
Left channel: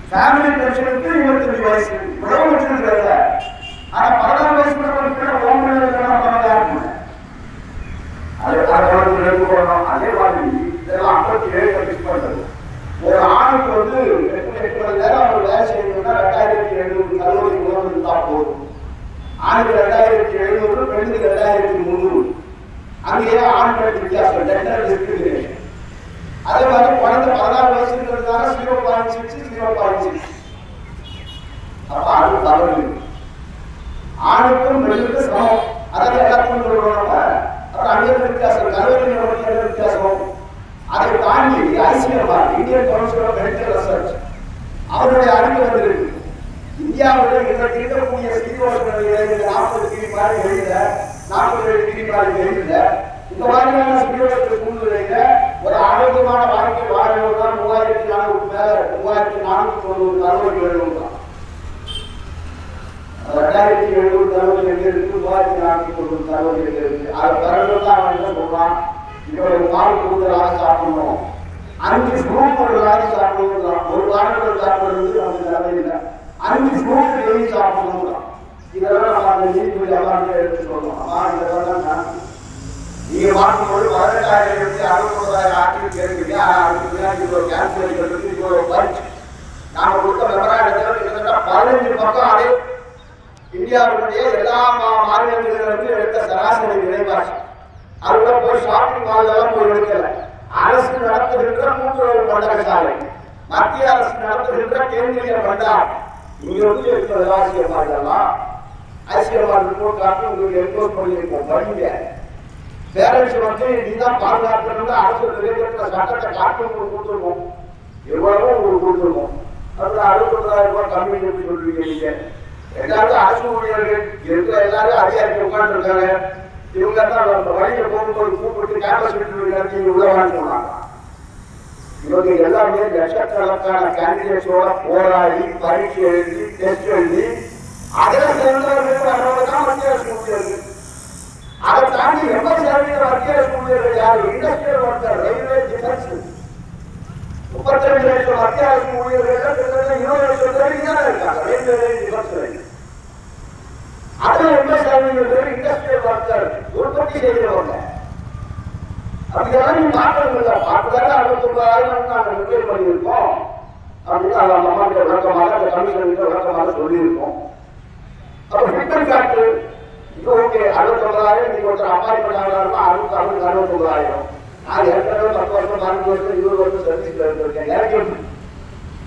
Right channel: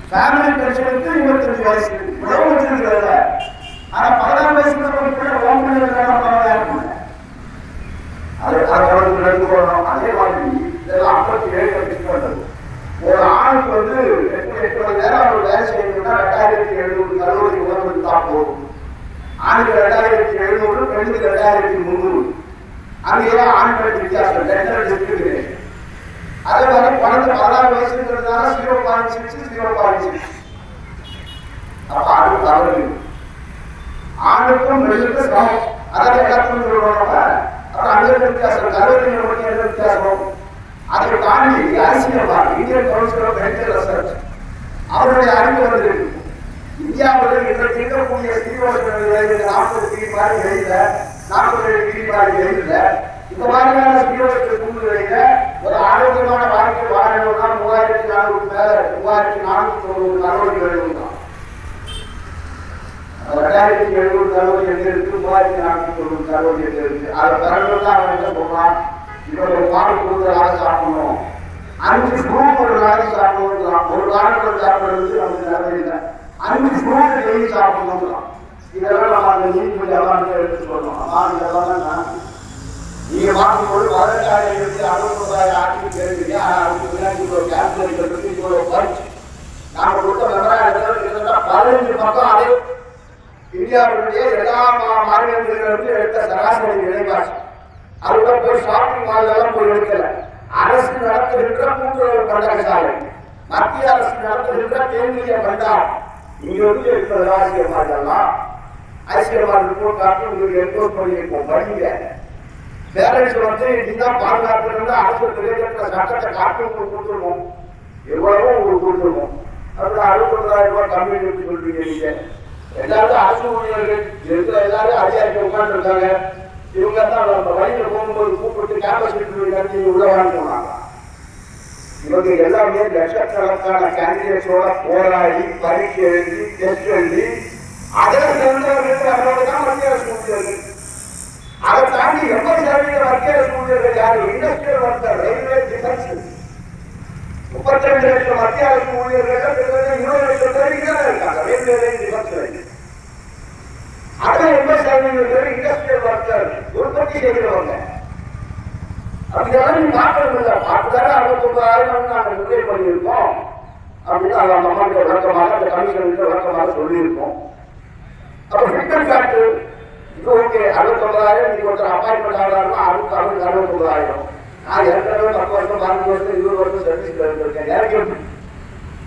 ஃபேமிலி பென்ஷனுக்கு 25 வயசு. இவ்வளவு வச்சிருக்கிறத ஆனா 16 வயசுல அது எடுத்துக்கணும். அதே மாதிரி இதெல்லாம் 57 ஃபிக்ஸ் பண்றது. ஒரு ஆணுக்கு வந்து 8 மணி நேரம் அவர் வேலை செய்யணும்னா 2700 கல்லூரி உணவு தான் போகும். ஆணுக்கு 2700, பெண்ணுக்கு 2300. அங்கேயே ஆண் பெண் வித்தியாசம் இருக்குது. அதே மாதிரி குழந்தை 16 வயசுங்கிறதுனால 0.6 0.6. அப்ப ஆணுக்கு அவர்கள் ஆணுக்கும் பெண்ணுக்கும் சமம். அதான் எல்லாத்துக்கும் சொல்லுவாங்க. அப்புறம் அங்கே வித்தியாசம், கல்லூரி வித்தியாசம். அதை தாண்டி அரசியல் Indian council of medical research அவருடைய அறிவு வந்து இந்தியாவுடைய இன்றைக்கு இருக்கக்கூடிய சீரோசனில் 40 டிகிரி மாதிரி வெளியில 47 டிகிரி மாதிரி வெளியில இந்த மாதிரியான சீரோச சூழ்நிலையில ஒரு ஆரோக்கியமான வாழ்க்கை வாழணும்னா 3400 மேல 3490 கல்லூரிகள் எழுதுறான். 2700 கல்லூரிகள் இருக்கு, 3490 கல்லூரிகள் இருக்கு. அது பிறகுதான் அவன் என்ன சொல்றான், இவ்வளவு நாள் கூடுதலாக சாப்பிடணும், 5 ஃப்ரூட் ஒரு நாளைக்கு சாப்பிடணும். ஒரு நாள் சாப்பிடுறது நமக்கு நல்லதில்லை, 5 ஃப்ரூட் டெய்லி சாப்பிடணும். இதெல்லாம் நம்ம அந்த நீதிபதி அவார்டு எடுத்து சொல்லணும். அவார்டு இதெல்லாம் நீங்க பார்க்கும்போது 18,000 ஆட்சி கேட்குறீங்க. அதுக்கு பின்னாடி இவ்வளவு கேன்சர் இருக்கு, இவ்வளவு பயிற்சி நாம கொடுத்த மெமராண்டத்தில் கிட்டத்தட்ட 15 பக்கம். அதே இந்தியாவுடைய எல்லா மாநிலங்களிலிருந்து எடுத்த சராசரி விலைவாசி. அதுல போய் ஷாப்பிங் மால்லாம் போய் எடுக்கல. அரசு நடத்துகின்ற கூட்டுறவு பண்டகசாலை, மத்திய அரசு நடத்துகின்ற கேந்திரிய பண்டாரம், இங்க வந்து இருக்கிற விவசாய மாடலாம் ஐசிஎம்ஆர் ரிப்போர்ட் காட்டி உங்களுக்கு என்கோஸ் பண்ணியிருக்கோம். படிங்க. பேரண்ட்ஸ் வந்து நீதான் பாதுகாப்பு அரசு நிறைவேற்ற சட்டத்தை காட்டி உங்களுக்கு கொடுத்துருவோம். எவ்வளவோ உங்களுக்கு கொடுத்துருவோம். அதுல 69,000 ரூபாய் கம்மி சொல்றீங்க. நீங்க எல்லாரும் அரசு ஊழியர்கள் இருக்கிற எல்லாரும் அதிகாரிகள் உட்கார்ந்து இருக்காங்க. இவங்க தான் வயலில் போகும்போது கூப்பிட்டு கேம்பஸ் நடத்தி உள்ளவான்னு சொன்னாங்க. இவங்க எல்லாமே லட்சக்கணக்கான கேண்டிடேட்ஸோட போராடி பரீட்சை எழுதி டெஸ்ட் எழுதி அதில் சிறந்தவர்களுக்கு வரணும்தான் மத்திய அரசு ஊழியர்கள். அதை தாண்டி 80% மத்திய அரசு ஊழியர்கள் யாரு? Industrial worker, railway, defence. 32 லட்சம் மத்திய அரசு ஊழியர்கள் 20 லட்சம் பேர் இங்கே இருக்காங்க ரயில்வே, டிஃபென்ஸ். அதில் 80% பேர் இண்டஸ்ட்ரியல் ஒர்க்கர், உற்பத்தி செய்கிறவங்க. அப்படிதான் நீ பார்க்கறது இல்லை. பார்த்துதானே 69,000 நாங்கள் முதலீடு பண்ணியிருக்கோம் அப்படின்னு அந்த அம்மாவுடைய விளக்கமாக அந்த கமிஷனுக்கு விளக்கமாக சொல்லியிருக்கோம். அப்போ ஃபிட்மெண்ட் ஃபேக்டர் இது ஓகே. 69,000 நீங்க ஒருத்தர் அப்பாயின்மெண்ட் ஆகலாம்னா 69,000. நான் ஏற்கனவே 10 வருஷம் 12 வருஷம் 20 வருஷம் சர்வீஸ்ல இருந்திருக்கேன். எனக்கு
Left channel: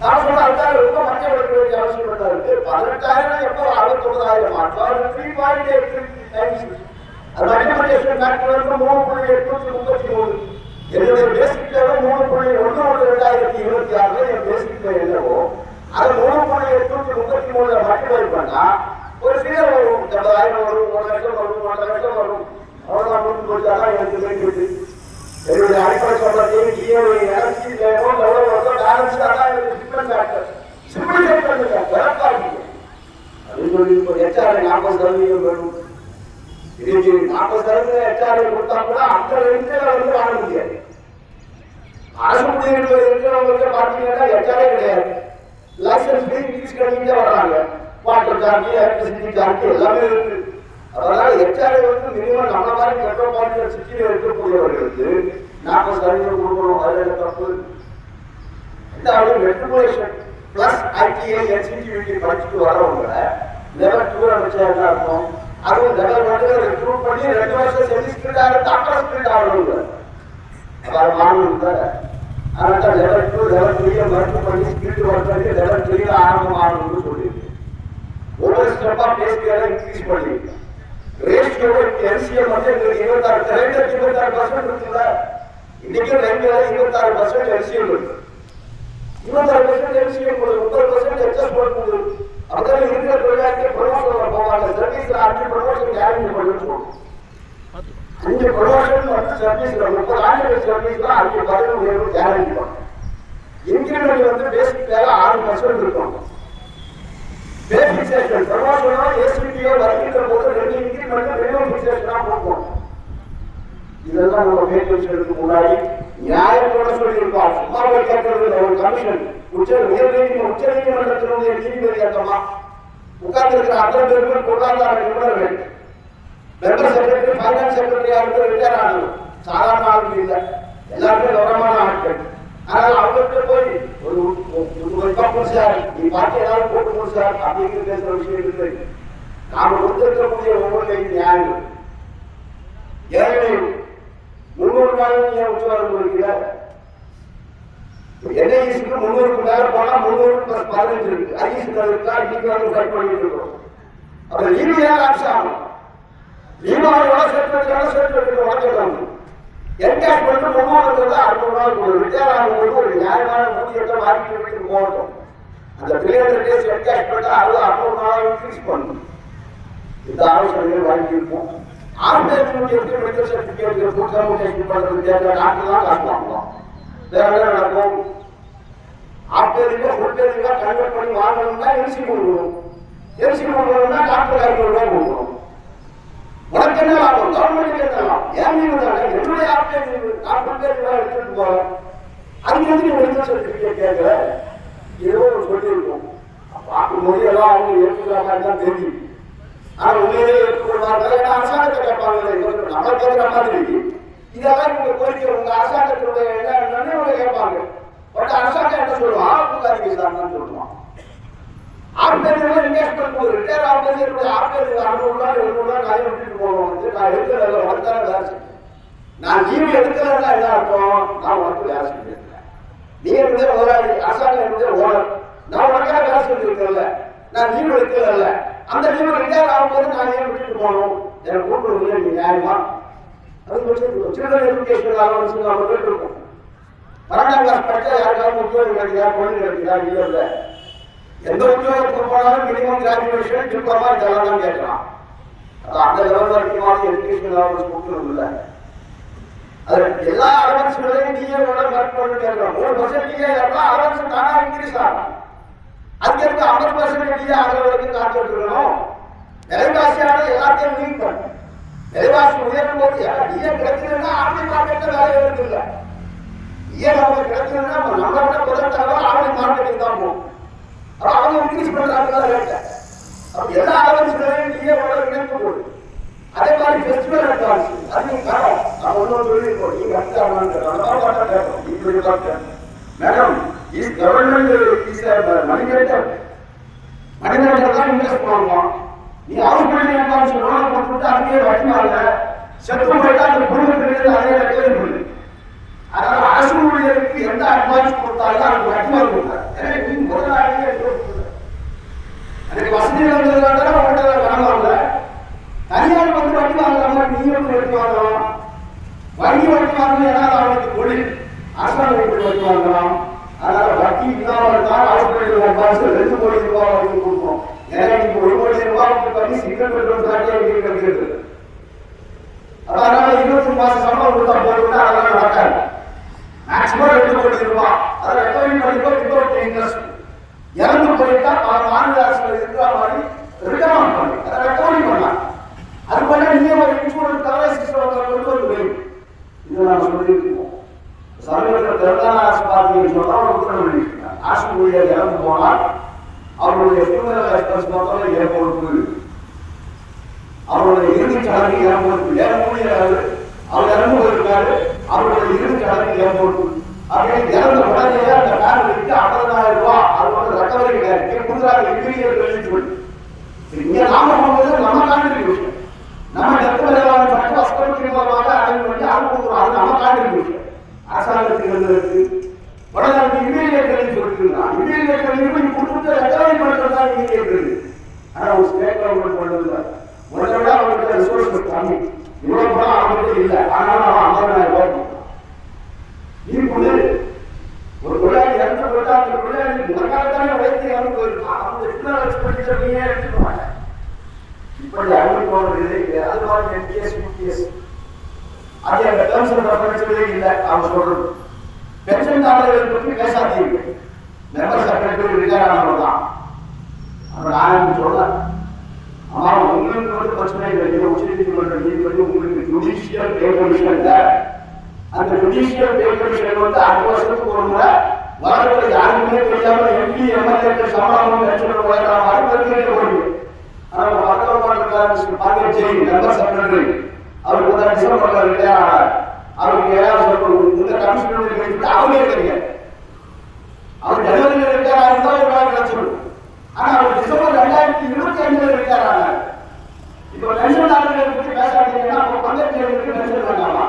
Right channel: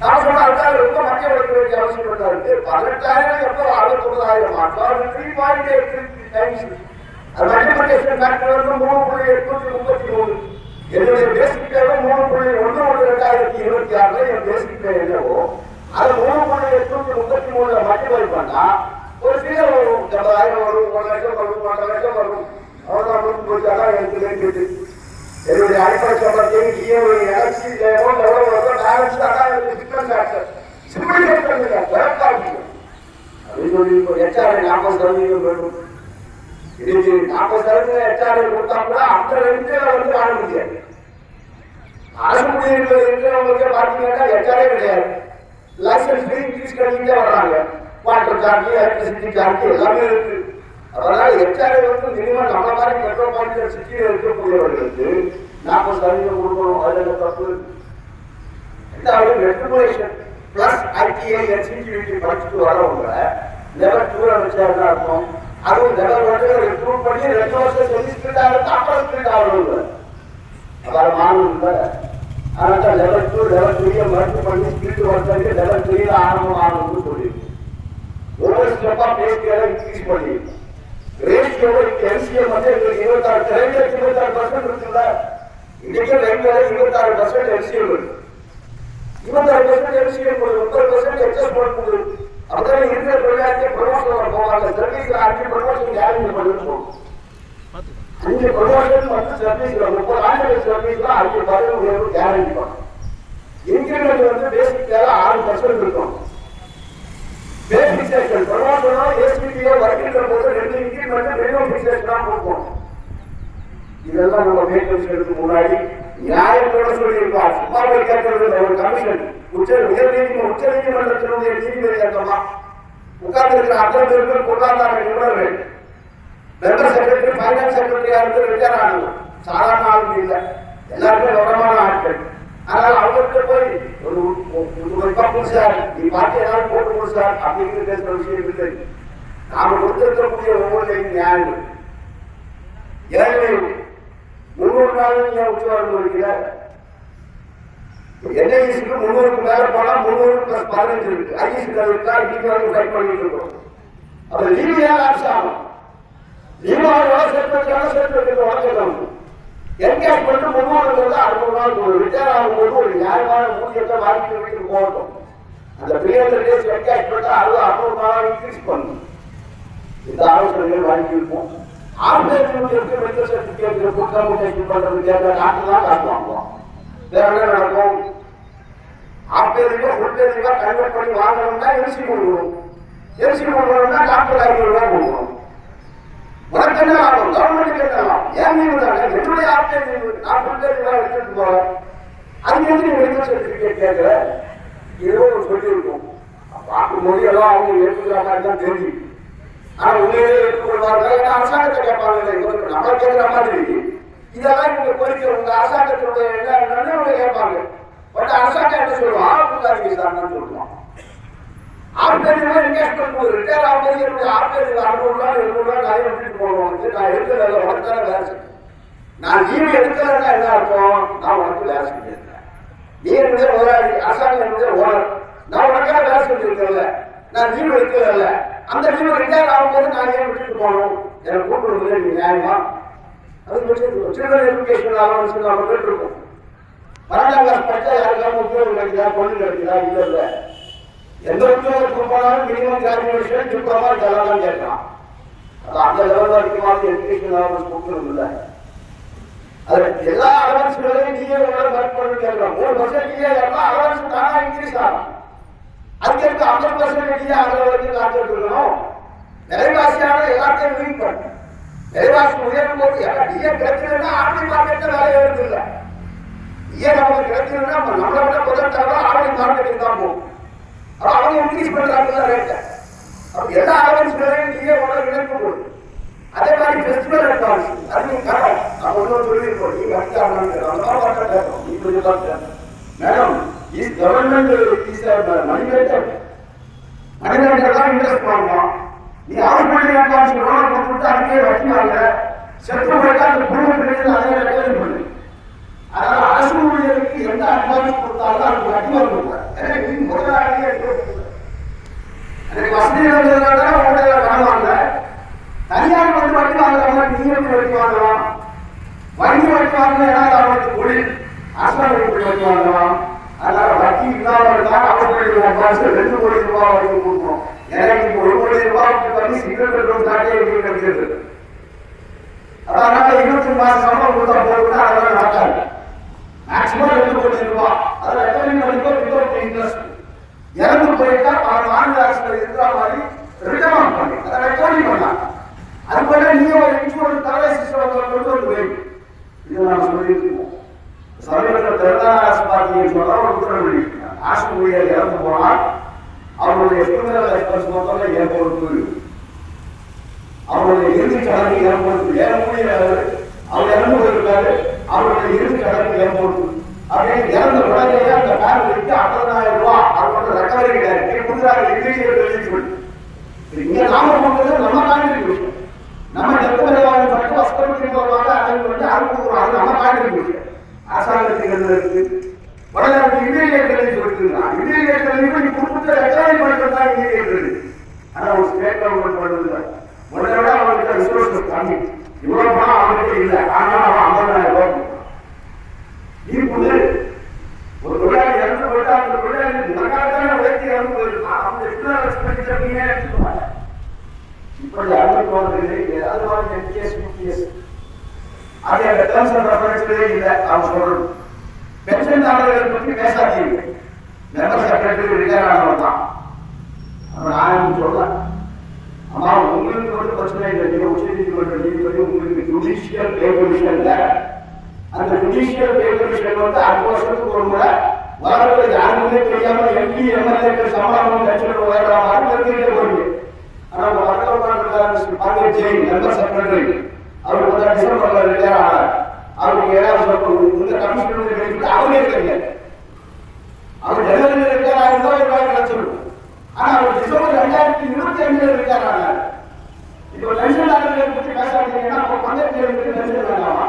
நான் சொன்ன அதுக்காக ரொம்ப மத்திய எடுக்க வேண்டிய அவசியம் தான் இருக்கு. 18,000 எப்போ 69,000 3.83 டைம்ஸ். அது மல்டிபிளிகேஷன் ஃபேக்டர் வந்து 3.833. என்னுடைய பேசிக் பே 3.1 என் பேசிக் பே என்னவோ அதை 3.833 மல்டிப்ளை பண்ணா ஒரு ஃபிகர் வரும். 70,000 வரும், 1 லட்சம் வரும், 1.5 லட்சம் வரும். அவ்வளோ முடிஞ்சு போச்சாதான் எனக்கு தெரிஞ்சுது. என்னுடைய அடிப்படை சொல்றதையும் எனர்ஜி லெவல் எவ்வளோ வருதோ பேலன்ஸ் தான் என்னுடைய ஃபிட்மெண்ட் ஃபேக்டர். சிம்பிளிஃபை பண்ணுங்க, குழப்பாங்க அப்படின்னு சொல்லி HR 40% வேணும். இன்னைக்கு 40% HR கொடுத்தா கூட அந்த 2 வந்து வாங்க முடியாது. ஆஸ்பத்திரியில் இருக்கிறவங்களுக்கு பார்த்தீங்கன்னா HR கிடையாது. லைசன்ஸ் இன்க்ரீஸ் பண்ணிட்டே வர்றாங்க. வாட்டர் சார்ஜ், எலக்ட்ரிசிட்டி சார்ஜ் எல்லாமே இருக்கு. அதனால HR வந்து மினிமம் நம்ம மாதிரி பெட்ரோல் பாயிண்ட் சிட்டியில் இருக்கக்கூடியவர்களுக்கு 40% கொடுக்கணும். அதில் தப்பு. ரெண்டாவது மெட்ரிகுலேஷன் பிளஸ் ITI NCTVT படிச்சுட்டு வரவங்க லெவல் 2 வச்சா என்ன அர்த்தம்? அதுவும் லெவல் 1 ரெக்ரூட் பண்ணி 2 வருஷம் செமிஸ்டர் ஆகிட்டு அப்புறம் ஸ்கிரிட் ஆகணும். அதாவது மாணவர்கள் அதனால லெவல் 2 லெவல் 3 மெட்ரிக் பண்ணி ஸ்கிரிட் ஒர்க் பண்ணி லெவல் 3 ஆரம்பம் ஆகணும்னு சொல்லியிருக்கு. ஒவ்வொரு ஸ்டெப்பா பேஸ்கேல இன்க்ரீஸ் பண்ணி ரேஷியோ NCM வந்து 26% இருக்குல்ல. இன்னைக்கு ரயில்வேல 26% NCM இருக்கு. 20% எம்சிஎம் 30% அட்ஜஸ்ட்மெண்ட் போகுது. அதனால இருக்கிற தொழிலாளர்கள் ப்ரொமோஷன்ல போவாங்க. சர்வீஸ்ல 5 ப்ரொமோஷன் கேரண்டி பண்ணிருக்கோம். 5 ப்ரொமோஷன் வந்து சர்வீஸ்ல 30 ஆண்டுகள் சர்வீஸ்ல 5 பதவி உயர்வு கேரண்டி பண்ணும். இன்கிரிமெண்ட் வந்து பேசிக் வேலை 6% இருக்கும். பேசிக் செக்ஷன் ப்ரொமோஷனோ ஏசிபியோ வருகின்ற போது 2 இன்கிரிமெண்ட் 2 ஃபிக்சேஷனா கொடுப்போம். இதெல்லாம் நம்ம மேற்கொள்வதற்கு முன்னாடி நியாயத்தோட சொல்லியிருப்பார். சும்மா போய் கேட்கறது ஒரு கமிஷன் உச்சநீதிமன்றத்தினுடைய நீதிபதி அந்தமா உட்கார்ந்து இருக்கிற அத்தனை பேருக்கு பொருளாதார நிபுணர்கள் மெம்பர் செக்ரட்டரி ஃபைனான்ஸ் செக்ரட்டரியா இருந்து ரிட்டையர் ஆகணும். சாதாரண ஆளுங்க இல்லை, எல்லாருமே கௌரவமான ஆட்கள். அதனால அவங்களுக்கு போய் ஒரு கப்பல் சார் நீ பார்த்து ஏதாவது போட்டு போடு சார் அப்படின்னு பேசுற விஷயம் இருக்கு. நாம கொடுத்திருக்கக்கூடிய ஒவ்வொரு நியாயம் ஏழை 300 நாள் உச்ச வரம்பு இருக்கிற என்ஐசிக்கு 300க்கு மேல போனா 300 + 15 இருக்கு. ஐசி இருக்கா இன்னைக்கு வந்து ட்ரை பண்ணிட்டு இருக்கோம். அப்ப லீவியா லாப்ஸ் ஆகும். லீவாவோட சர்டிபிகேட் உடச்சிடணும். என்கேஷ் பண்ணிட்டு 300 வந்து 600 நாள் கொடுக்கும். ரிட்டையர் ஆகும்போது ஒரு நியாயமான ஊதியத்தை வாங்கிட்டு வீட்டுக்கு போகட்டும். அந்த 300 டேஸ் என்கேஷ் பண்ணிட்டு 600 நாளாக இன்க்ரீஸ் பண்ணணும். இந்த ஆலோசனைகள் வாங்கியிருப்போம். ஆர்டினரி மெடிக்கல் சர்டிபிகேட் கொடுக்காம பண்றதுக்கு டாக்டர் தான் காசு வாங்குவோம். வேற என்ன நடக்கும்? ஆர்டினரியா ஃபுல் டேரியா கன்வெர்ட் பண்ணி வாங்கணும்னா எம்சி கொடுக்கணும். எம்சி கொடுக்கணும்னா டாக்டர் 500 ரூபாய் கொடுக்கணும். உனக்கு என்ன லாபம்? கவர்மெண்ட்டுக்கு என்ன லாபம்? ஏன் நீங்க தானே என்னுடைய ஆர்டினரி நான் ஃபுல் டேரியா எடுத்துட்டு போறேன். அதுக்கு வந்து மெடிக்கல் சர்டிபிகேட் கேட்கல ஏதோ சொல்லியிருக்கோம். பார்க்கும்போது எல்லாம் அவங்க ஏற்றுக்கிறாங்க தான் தெரியும். ஆனா உண்மையிலே ஏற்றுக்கொள்வார்கள். ஏன்னா அரசாங்கத்தை கேட்பாங்க. நம்மளை கேட்கிற மாதிரி இதெல்லாம் இவங்க கோரிக்கை உங்க அரசாங்கத்தினுடைய என்னன்னு அவங்க கேட்பாங்க. பட் அரசாங்கம் என்ன சொல்லுவான்? ஆர்டினரி சார்னு சொல்லுவான். ஆர்டினரி இன்வெஸ்ட்மெண்ட் ஒரு ரிட்டையர் ஆகும்போது என்னுடைய ஆர்டினரி 600 ரூபாய் 700 ரூபாய் நிறைய எடுத்துட்டு போவோம். நான் எடுக்கல உனக்கு தானே வேலை செய்ய. நான் லீவு எடுக்கலன்னா என்ன அர்த்தம்? நான் உனக்கு வேலை செஞ்சிருக்கேன். நீ என்னுடைய முதலாளி, அரசாங்கம் என்னுடைய ஓனர். நான் உனக்காக வேலை செஞ்சிருக்கேன்ல, நான் லீவு எடுக்கல. அந்த லீவு ரிட்டையர் ஆகும்போது நான் ஏன் விட்டுட்டு போகணும்? எனக்கு கூப்பிடுறது நியாயமா? அது சில்ட்ரன் எஜுகேஷன் அலவன்ஸ் அவர்கள் இருக்கும். 12ஆம் கிளாஸ் படித்தா யாருக்காவது உத்தியோகம் கிடைக்குதா, தொழில் கிடைக்குதா? இல்லை இல்லை. எந்த உத்தியோகத்துக்கு போனாலும் மினிமம் கிராஜுவேஷன் டிப்ளமா இதெல்லாம் தான் கேட்கலாம். அப்போ அந்த லெவல் வரைக்கும் எஜுகேஷன் அலவன்ஸ் கொடுக்கணும் இல்லை. அது எல்லா அலவன்ஸ்களையும் நீங்க உடனே கரெக்ட் பண்ணி கேட்கலாம். 1% அலவன்ஸ் தானே இன்க்ரீஸ் ஆகும். அதுக்கு இருக்க 50% ஆகிற வரைக்கும் காட்டு இருக்கணும். விலைவாசியான எல்லாத்தையும் மீட் பண்ணும். விலைவாசி உயர்த்தும் போது டிஏ கிடைக்கணும்னா ஆர்டி மார்க்கெட்ல வேலை ஏறுது இல்லை. டிஏ நமக்கு கிடைக்கணும்னா நம்மளை விட முதல் தடவை ஆர்டி மார்க்கெட்டுக்கு தான் போகும். அப்போ அவங்க இன்க்ரீஸ் பண்றாங்க ரேட்டை. அப்போ எல்லா அலவன்ஸ்களையும் டிஏ உடனே இணைப்பு கொடுக்கும். அதே மாதிரி ஃபெஸ்டிவல் அட்வான்ஸ் அதுவும் கரெக்ட். நான் ஒன்றும் சொல்லியிருக்கோம். நீ வந்தாங்க மேடம் இஸ் கவர்மெண்ட் இஸ் மணிமேட்டர் தான் இன்வெஸ்ட் பண்ணுவோம். நீ ஹவுஸ் பில்டிங் அட்வான்ஸ் லோன் கொடுத்துட்டு அதுக்கே வச்சுமாங்க. செத்து போயிட்டா அந்த குடும்பத்துக்கு அதே கேள்வி பண்ணுது. அதனால அரசு ஊழியருக்கு எந்த அட்வான்ஸ் கொடுத்தாலும் அதுக்கு வச்சுமாறு கொடுக்குறாங்க. நீ முதலாளியே அதுக்கு வசதி இருந்ததுனால உங்கள்கிட்ட பணம் வாங்க. தனியார் வந்து வட்டி வாங்குற மாதிரி நீங்க எப்படி வட்டி வாங்கலாம்? வங்கி வட்டி வாங்கணும். ஏன்னா அவங்களுக்கு தொழில் அரசாங்கத்துக்கு வட்டி வாங்கலாம். அதனால வட்டி இல்லாமல் தான் ஹவுஸ் பில்டிங் அட்வான்ஸ் 2 கோடி ரூபாய் வரைக்கும் கொடுக்குறோம். ஏன்னா இப்போ 1 கோடி ரூபாய்க்கு பண்ணி சிங்கிள் பெட்ரூம் தாட்டே எப்படி கிடைக்கிறது? அதனால 20 மாசம் சம்பளம் கொடுத்தா போதுன்னா அதெல்லாம் நடக்காது. மேக்சிமம் 2 கோடி ரூபாய் அதை ரெக்கவரி பண்ணிக்கோ வித்தவுட் இன்ட்ரெஸ்ட். இறந்து போயிட்டா பல மாநில அரசு இருக்கிற மாதிரி ரிட்டர்ன் பண்ணி அதை ரெக்கவரி பண்ணலாம். அது பண்ண நீங்க ஒரு இன்சூரன்ஸ் கவரேஜ் சிஸ்டம் கொண்டு வந்து வேண்டும். இதை நம்ம சொல்லியிருக்கோம். சமீபத்தில் தெலுங்கானா அரசு பார்த்தீங்கன்னு சொன்னா ஒரு உத்தரவு வெளியிட்டிருக்காங்க. அரசு ஊழியர் இறந்து போனால் அவருடைய ஃபியூனரல் எக்ஸ்பென்ஸ் மொத்தமே ஏற்படுத்து. அவருடைய இறுதி சடங்கு ஏற்படுத்து. ஏன் ஊழியர் அவர் இறந்து போயிருக்காரு, அவருடைய இறுதி சடங்கு ஏற்படுத்து அப்படின்னு இறந்த உடனே அந்த ஃபேமிலிக்கு 50,000 ரூபாய் அது வந்து ரெக்கவரி கிடையாது கொடுக்குறாங்க. இம்மீடியட் ரிலீஸ் பண்ணி இங்க நாம பண்றது நம்ம கான்ட்ரிபியூஷன். நம்ம டெத் பரிகாரம் பற்றி வஸ்திரத்தின் மூலமாக அடைவு வந்து அது கொடுக்குறோம். அது நம்ம கான்ட்ரிபியூஷன். அரசாங்கத்துக்கு இருக்கு உடனே அதுக்கு இம்மீடியட் ரிலீஸ் கொடுத்துருக்கான். இம்மீடியட் ரிலீஸ் நீ கொடுத்துட்டு ரெக்கவரி பண்ணுறது தான் இம்மீடியட் ரிலீஸ். ஆனால் ஒரு ஸ்டேட் கவர்மெண்ட் பண்ணுறது உடனே விட அவங்களுக்கு ரிசோர்ஸஸ் கம்மி. இவ்வளவு பணம் அவங்ககிட்ட இல்லை. ஆனாலும் அவன் 50,000 ரூபாய் நீ கொடு. ஒரு தொழிலாளி இறந்து போயிட்டா அது எங்க டேர்ம்ஸ் அண்ட் ரெஃபரன்ஸ்லயே இல்லை. அவங்க சொல்றது பென்ஷன் தாரர்கள் பற்றி பேசாதீங்க, மெம்பர் செக்ரட்டரி ரிட்டையர் ஆனவர் தான். அப்ப நான் சொல்றேன், அம்மா உங்களுக்கு வந்து பிரச்சனை இல்லை, நீங்க உச்ச நீதிமன்ற நீதிபதி, உங்களுக்கு ஜுடிஷியல் பே கமிஷன், அந்த ஜுடிஷியல் பே கமிஷன் வந்து 6 வருஷத்துக்கு ஒரு முறை வரத்துல யாருக்குமே தெரியாம எம்பி எம்எல்ஏக்கள் சம்பளமும் லட்சம் உயர்ற மாதிரி தெரிஞ்சுட்டு போறீங்க. ஆனா உங்க மக்கள் பாண்டிய ஜெயின் மெம்பர் செக்ரட்டரி அவருக்கு வந்து டிசம்பர்ல ரிட்டையர் ஆனார். அவருக்கு ஏதாவது சொல்லணும், இந்த கமிஷனுடைய பெனிஃபிட் அவரே தெரியாது. அவர் ஜனவரியில் ரிட்டையர் ஆயிருந்தா ஒரு நாளைக்கு சொல்லணும். ஆனா அவர் டிசம்பர் 2025 ரிட்டையர் ஆனார். இப்ப பென்ஷன் ஆளுநரை பற்றி பேசாதீங்கன்னா பங்கேற்க பென்ஷன் வேண்டாமா?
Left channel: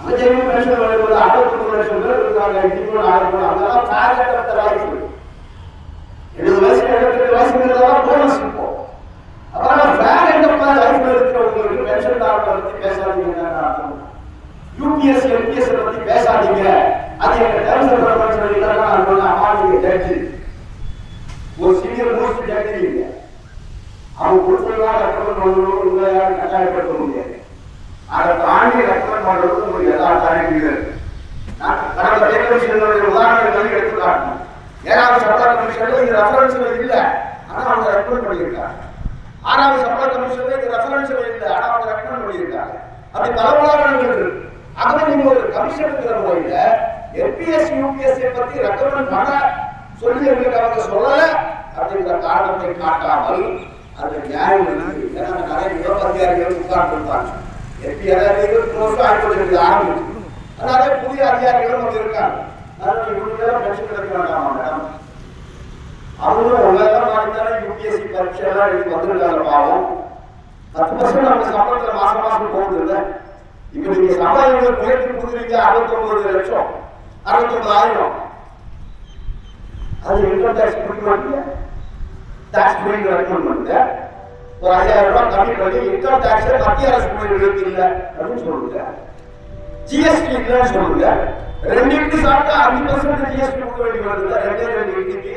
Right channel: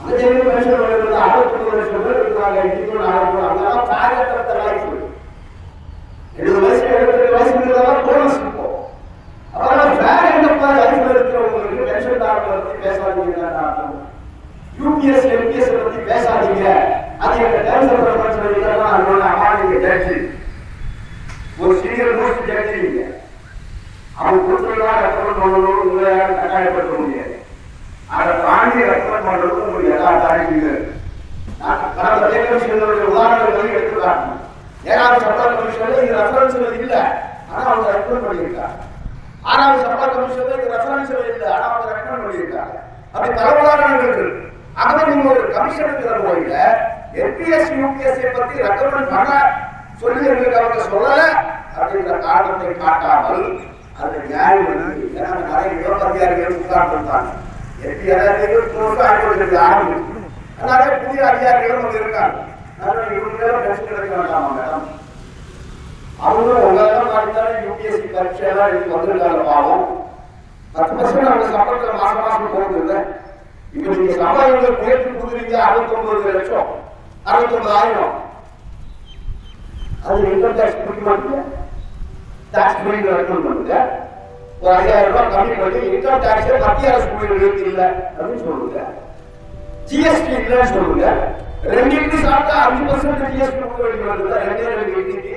அந்த ஜெயிலு பென்ஷன் வருவது 69 லட்சம் பேர் இருக்காங்க. இப்போ 4 பேர் அதெல்லாம் காரியத்தை வாய்ப்பு 70 வயசு 72 வயசுங்கிறதெல்லாம் போனஸ். இப்போ அப்புறம் வேற என்ன லைஃப்ல இருக்கிறவங்களுக்கு பென்ஷன் தாரத்தை பத்தி பேசாதீங்கன்னு அர்த்தம். யூபிஎஸ் எம்பிஎஸ் பத்தி பேசாதீங்க, அது எங்க டேர்ம்ஸ் அண்ட் ரெஃபரன்ஸ் இதெல்லாம் நான் சொன்ன அம்மா நீங்க ஜட்ஜி ஒரு சீனியர் மோஸ்ட் ஜட்ஜி இல்ல, அவங்க கொடுத்ததான் ரெக்கமெண்ட் பண்ணணும், உங்களை கட்டாயப்படுத்த முடியாது. அதை தாண்டி ரெக்கமெண்ட் பண்றதுக்கு உங்களுக்கு எல்லா தாண்டி நான் கடந்த தேர்தல் உதாரணங்கள் எடுத்துக்காட்டினேன். 7வது சட்ட கமிஷன்ல இது ரெஃபரன்ஸ்ல இல்ல, ஆனா அவங்க ரெக்கமெண்ட் பண்ணியிருக்காங்க. 6வது சட்ட கமிஷன்ல இது ரெஃபரன்ஸ்ல இல்ல, ஆனா அவங்க ரெக்கமெண்ட் பண்ணியிருக்காங்க. அப்படி பல உதாரணங்கள் இருக்கு. ஆகவே நீங்க ஒரு கமிஷன் இருக்கிற முறையில எம்பிஎஸ் யூபிஎஸ் பத்தி ரெக்கமெண்ட் பண்ண சொல்லி எங்களுக்கு அவங்க சொல்லல அப்படிங்கிற காரணத்தை காட்டாமல் அது நியாயம் இருக்கு. ஏன்னா நிறைய யுவதிகாரிகள் உட்கார்ந்துருக்காங்க. எம்பி அதாவது 20 வருஷம் ஆயிரத்தி ஆரம்பிச்சு நிறைய புதிய அதிகாரிகளும் அங்க இருக்காங்க. இவங்களுக்கெல்லாம் பென்ஷன் கிடைக்க வேண்டாமா மேடம்? அவங்களும் உலக மாதிரி யூபிஎஸ்சி பரீட்சையெல்லாம் எழுதி வந்துருக்காங்க. பாவம் 10% நம்ம சம்பளத்துல மாசம் மாசம் போகுது இல்லை. இப்ப நீங்க சம்பளம் உயர்த்தி கொடுக்குறீங்க 69 லட்சம் 69,000. அது இன்கம் டாக்ஸ் பிடிக்க மாட்டீங்க, டாக்ஸ் பில் ரெக்கமெண்ட் பண்ணுங்க. ஒரு 5000 ரூபாய் கம்மி பண்ணி இன்கம் டாக்ஸ் மத்திய அரசு பில்லுக்கு இல்லை அப்படின்னு சொல்லுங்க. ஜிஎஸ்டி இல்லைன்னு சொல்லுங்க. 2 சாப்பிட்டா 5% ஜிஎஸ்டி கொடுக்க வேண்டி வருது. 2 வீட்டுக்கு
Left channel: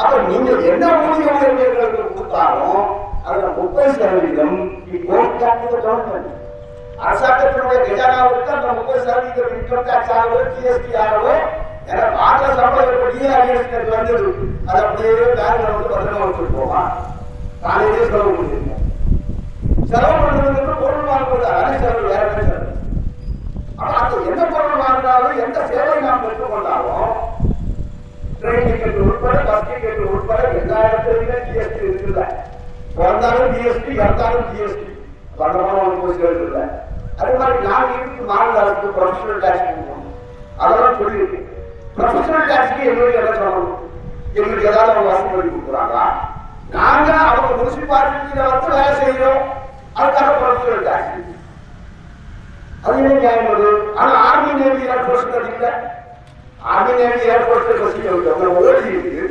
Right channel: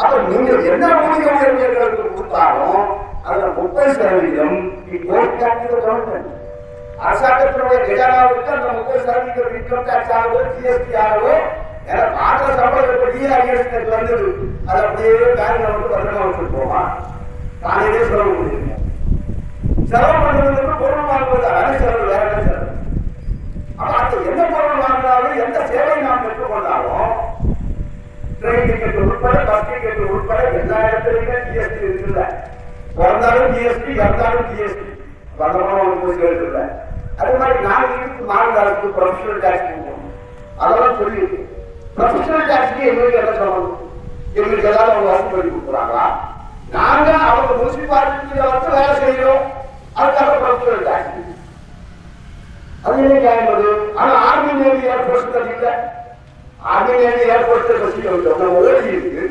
அப்ப நீங்க என்ன ஊதிய உயர்வுகளுக்கு கொடுத்தாலும் அதோட 30% அரசாங்கத்தினுடைய கஜானாவுக்கு அந்த 30% இன்கம் டாக்ஸ் ஆகவோ ஜிஎஸ்டி ஆகவோ எனக்கு ஆந்திர சம்பளம் டிஆர்எஸ் வந்தது. அது அப்படியே பேங்க்ல வந்து பத்திரமா வச்சுட்டு போவான். காலையிலே செலவு பண்ணுவீங்க. செலவு பண்ணுறதுக்கு பொருள் வாங்குவது அதே செலவு, வேற என்ன செலவு? ஆனா அது என்ன பொருள் வாங்கினாலும் எந்த சேவை நாம் பெற்றுக்கொண்டாலும் ட்ரெயின் டிக்கெட் உட்பட பஸ் டிக்கெட் உட்பட எல்லா இடத்துலையுமே ஜிஎஸ்டி இருக்குல்ல. பிறந்தாலும் ஜிஎஸ்டி, இறந்தாலும் ஜிஎஸ்டி, வடமான சேர்க்குல்ல. அதே மாதிரி நாங்கள் இருக்கு மாநில அரசு ப்ரொஃபஷனல் டேக்ஸ் கொடுக்கணும். அதெல்லாம் சொல்லி ப்ரொஃபஷனல் டேக்ஸ்க்கு எங்களுக்கு என்ன சொல்லணும்? எங்களுக்கு ஏதாவது அவங்க வசதி பண்ணி கொடுக்குறாங்களா? நாங்க அவங்க முனிசிபாலிட்டியில வந்து வேலை செய்யறோம், அதுக்காக ப்ரொஃபஷனல் டேக்ஸ். அது என்ன நியாயம் அது? ஆனா ஆர்மி நேவி ஏர்போர்ட்ஸ் இல்லை. ஆர்மி நேவி ஏர்போர்ட்ஸ் வச்சுக்க ஓடி இருக்கு.